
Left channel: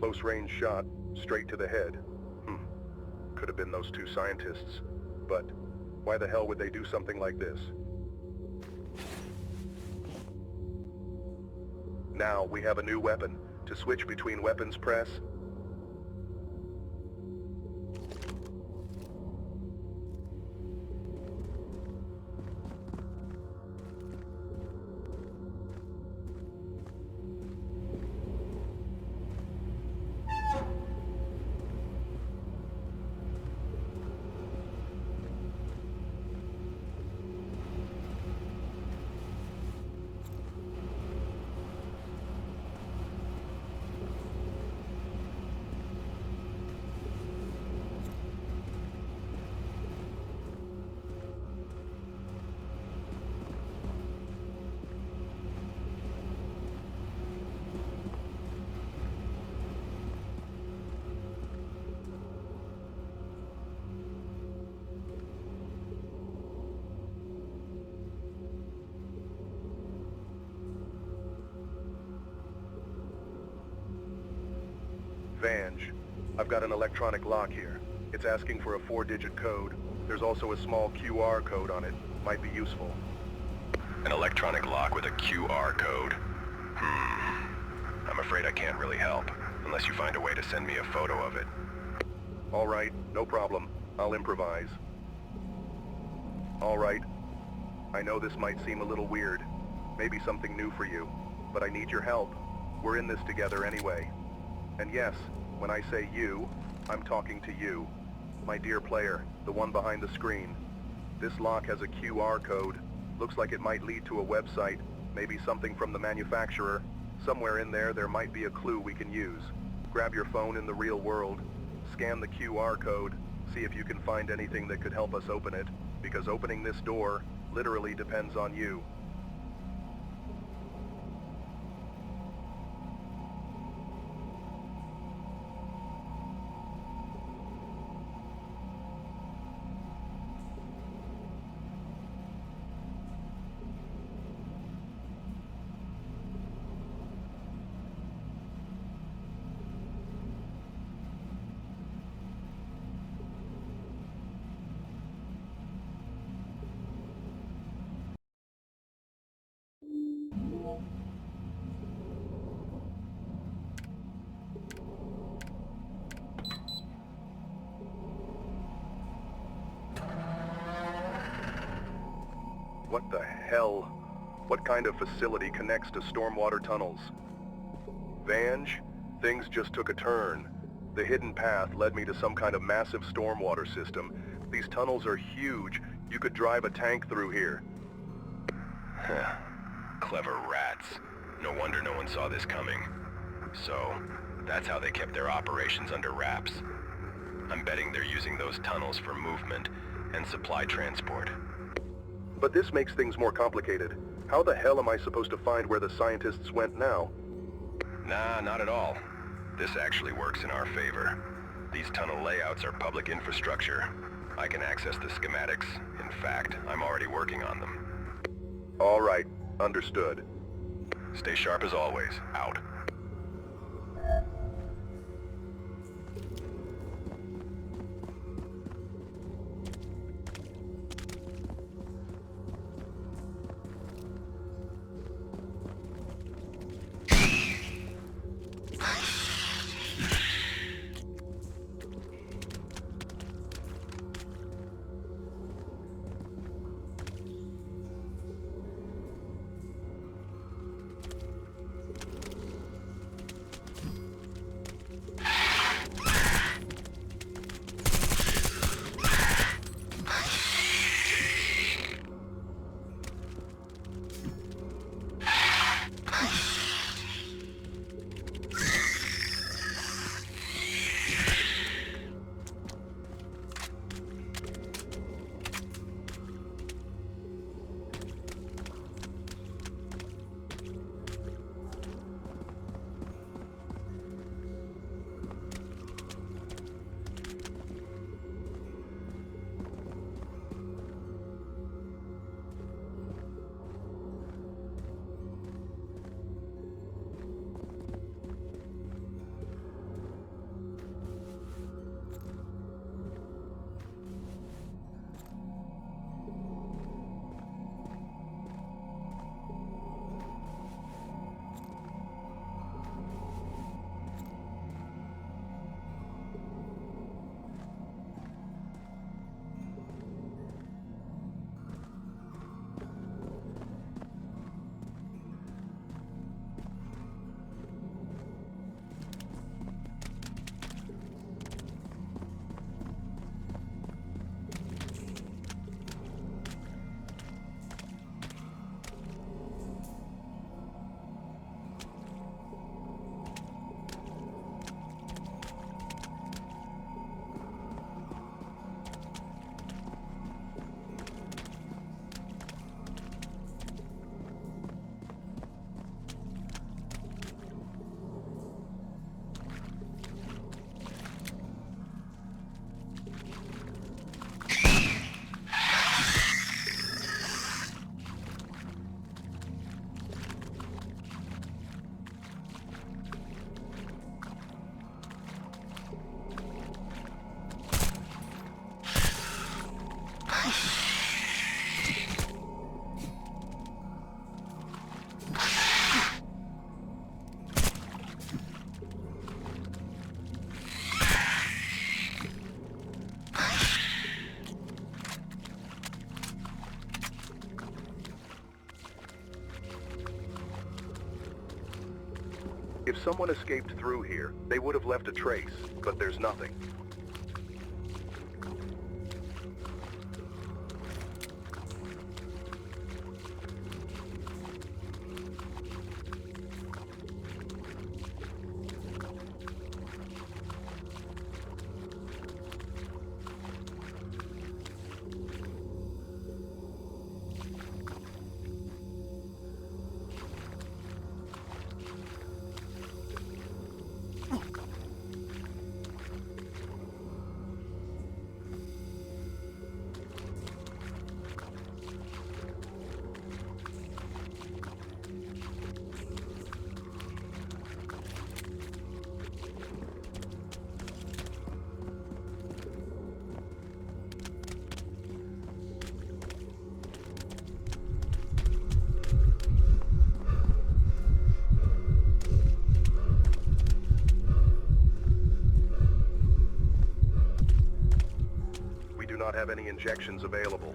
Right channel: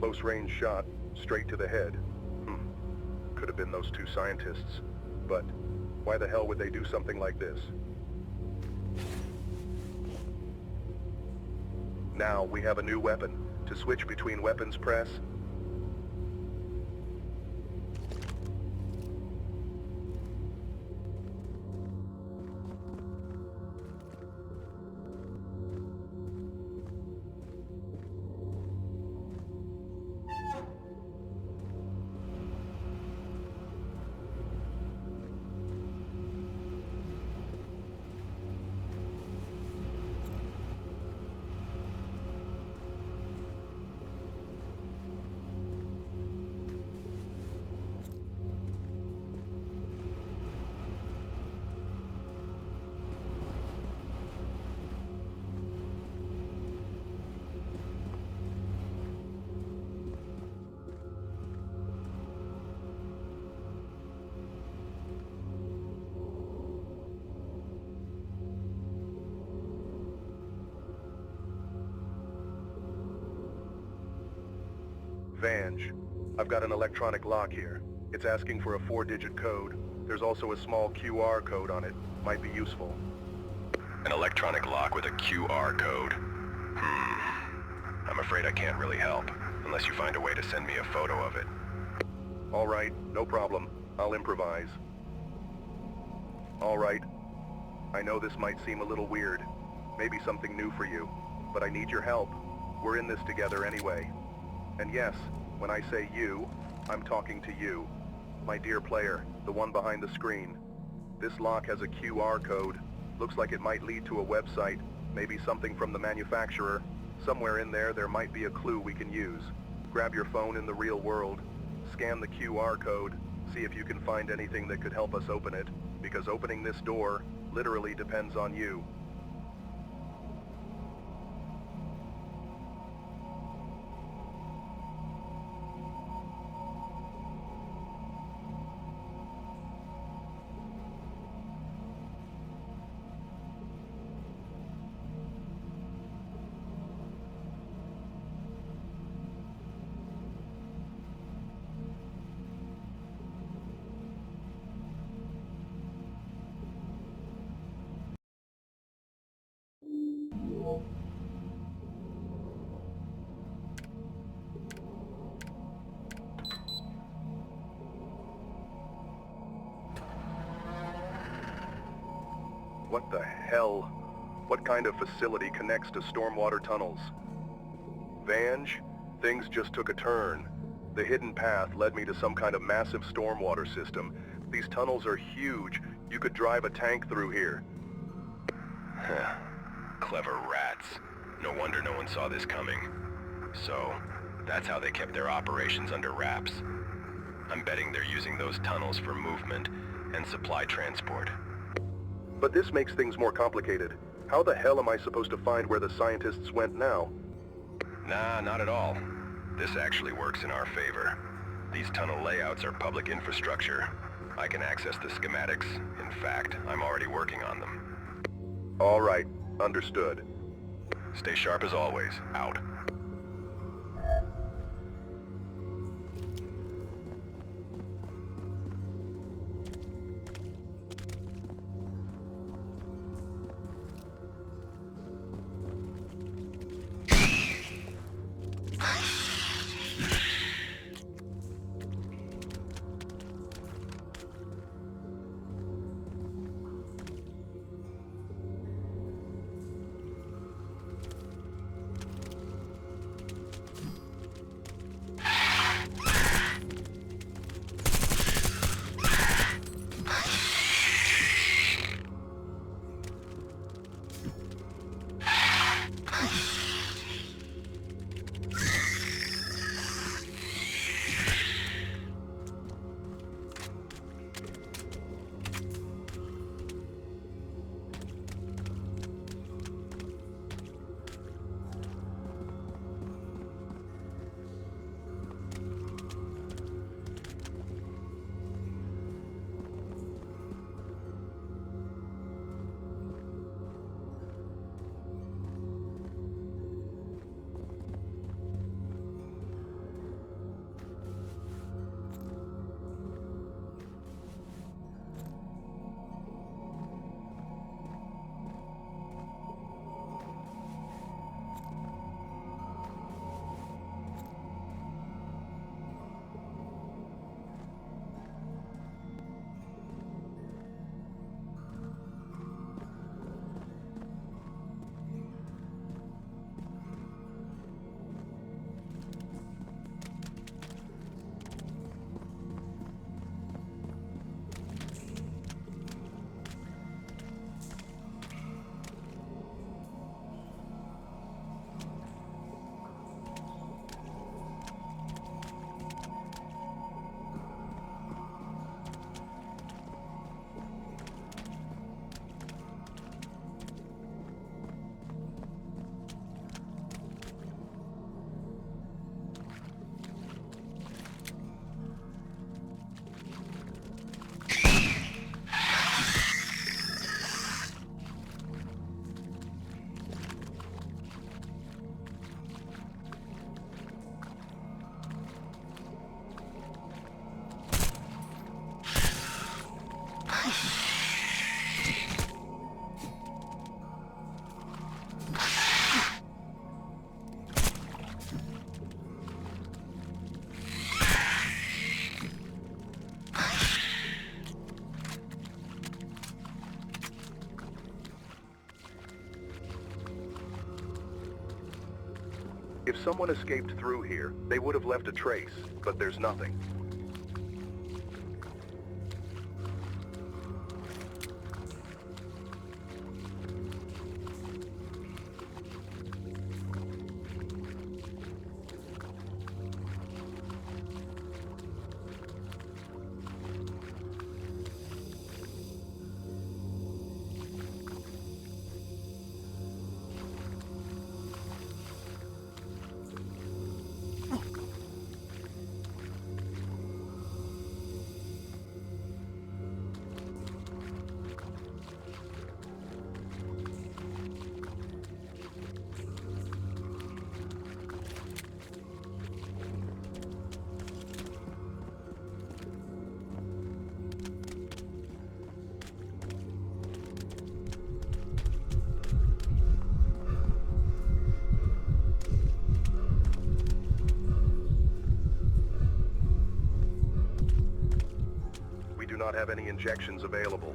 Close range shot, straight to the head. Could have been those two scientists. But why the hell would they do something like this? Now we have a new weapon. To switch between weapons, press. Vange, I've got an electronic lock here. It's asking for a 4-digit code. There's also a small QR code on it. Might be useful. An electronic lock with a QR code? I'm afraid I can't really help, unless you find a way to send me a photo of it. All right, no problem. I'll improvise. All right. I know this might seem a little weird. Maybe something new for you. But I need your help. We're in this together anyway. And yes, when I say you, I'm talking to you. My dear player, the one behind the screen. This lock has a QR code. Looks like it might lead to a website, maybe something from the manufacturer. Somewhere in there might be a clue we can use. Grab your phone in the real world, scan the QR code, see if you can find anything that could help us open it, because opening this door literally depends on you. What the hell? What kind of facility connects to stormwater tunnels? Vange, things just took a turn. The hidden path led me to some kind of massive stormwater system. These tunnels are huge. You could drive a tank through here. Huh. Clever rats. No wonder no one saw this coming. So, that's how they kept their operations under wraps. I'm betting they're using those tunnels for movement and supply transport. But this makes things more complicated. How the hell am I supposed to find where the scientists went now? Nah, not at all. This actually works in our favor. These tunnel layouts are public infrastructure. I can access the schematics. In fact, I'm already working on them. All right, understood. Stay sharp as always. Out. If someone escaped through here, they would have left a trace, but there's nothing. Not have any injections available.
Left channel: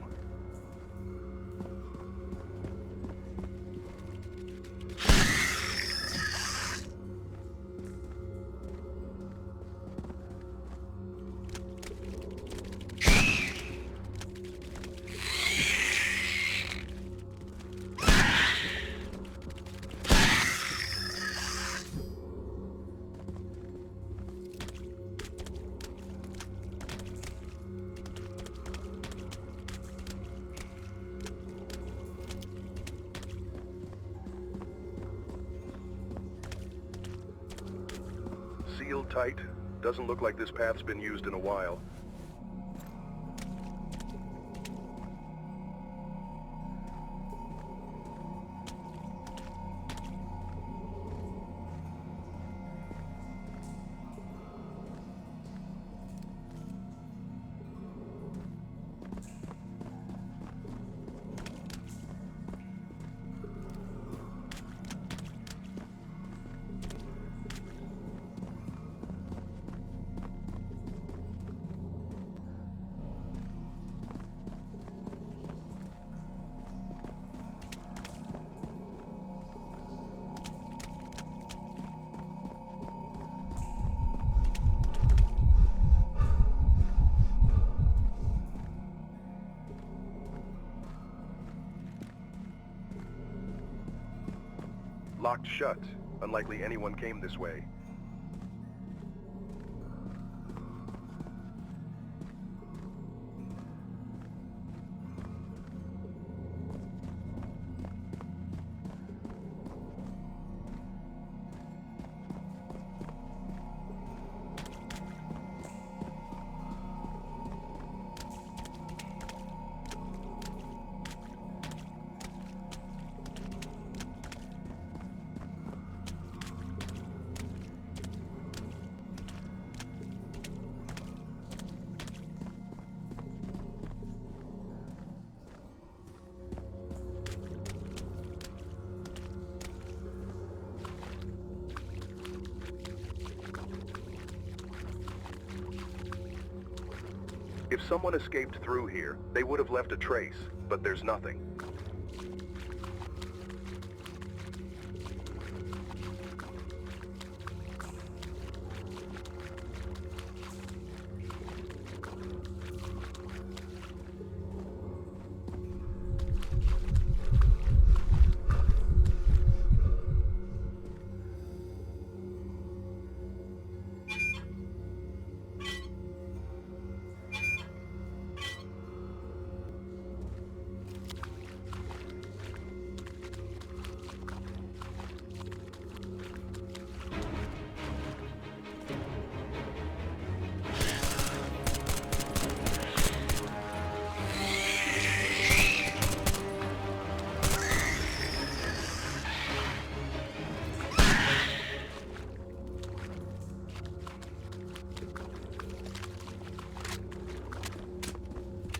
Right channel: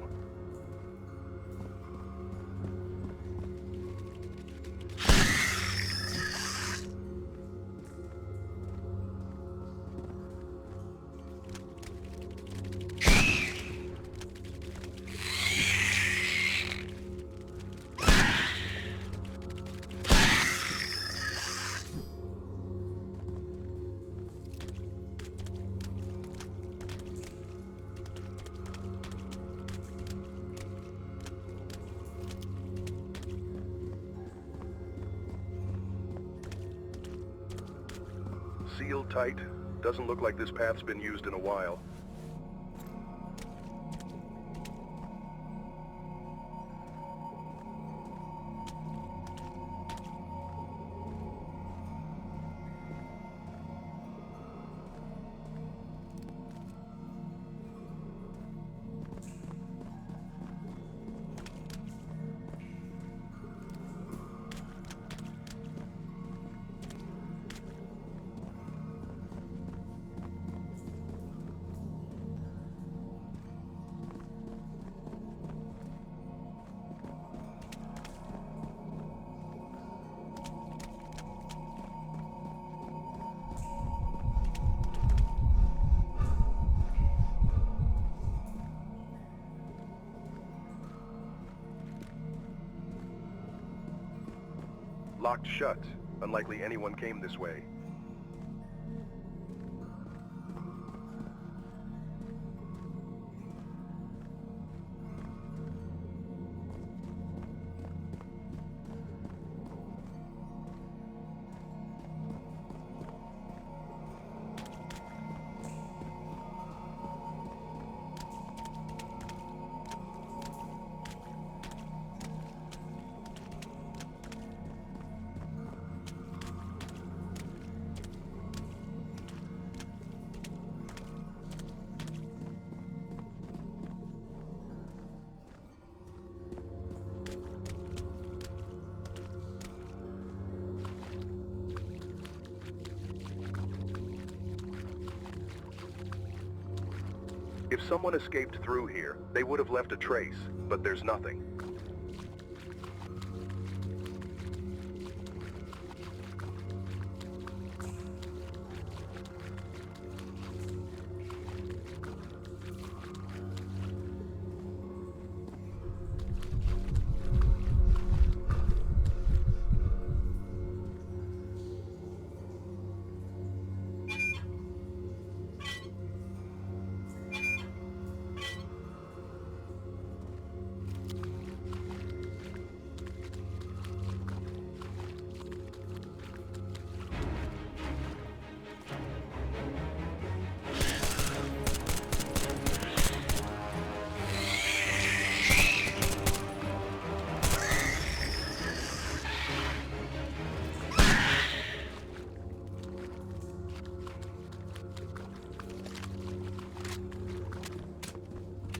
sealed tight. Doesn't look like this path's been used in a while. Locked shut. Unlikely anyone came this way. If someone escaped through here, they would have left a trace, but there's nothing.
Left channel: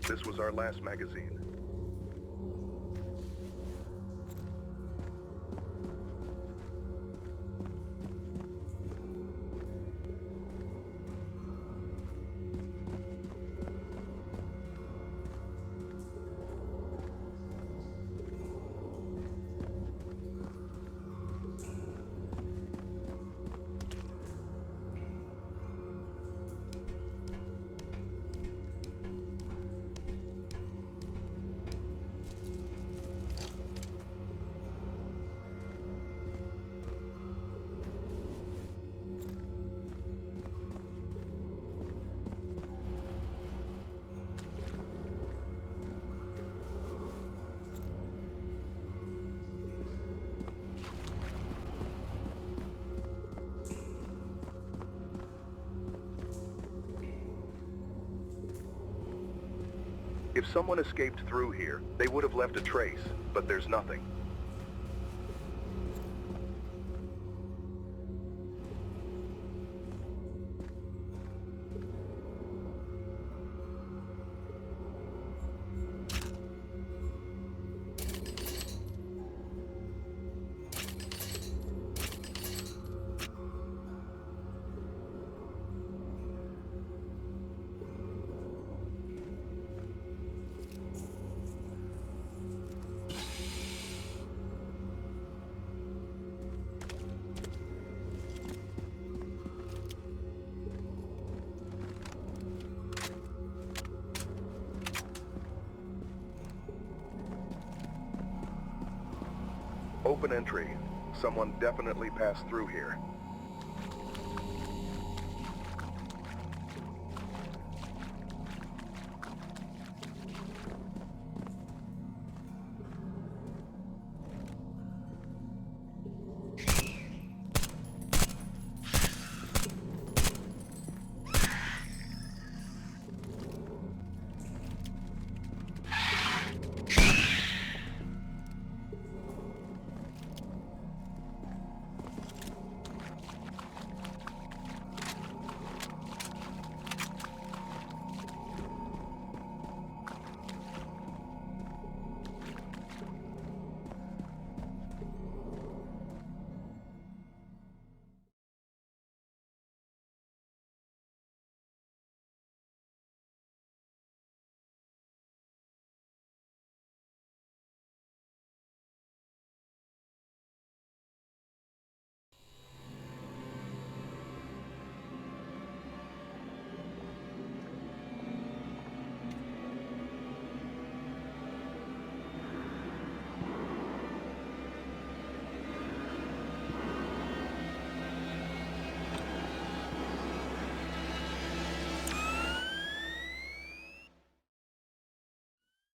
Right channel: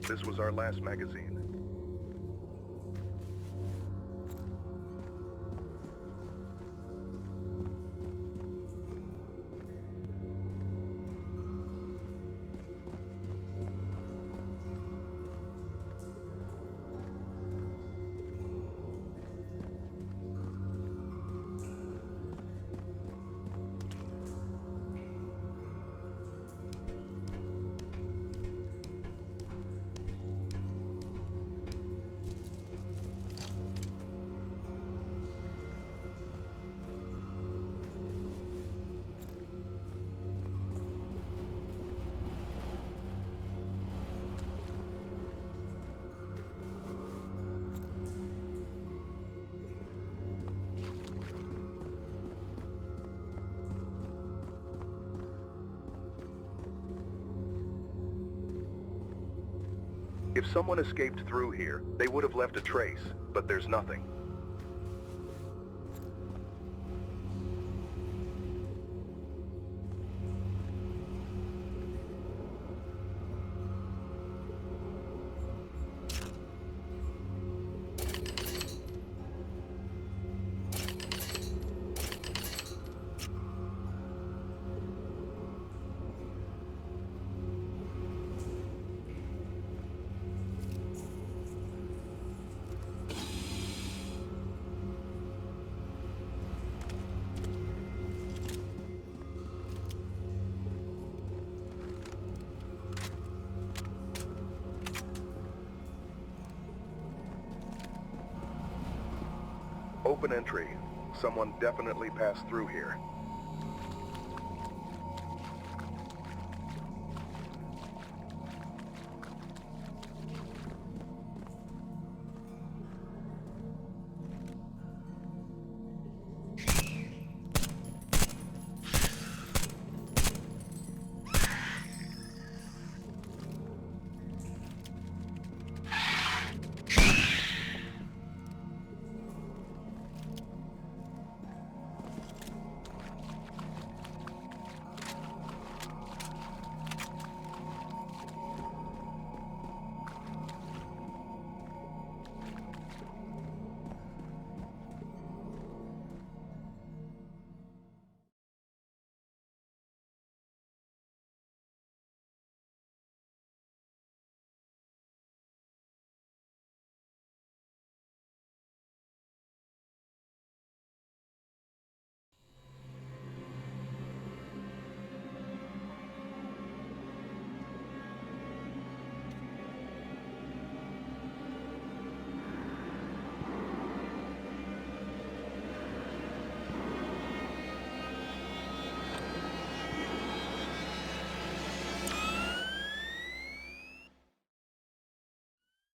This was our last magazine. If someone escaped through here, they would have left a trace, but there's nothing. Open entry. Someone definitely passed through here.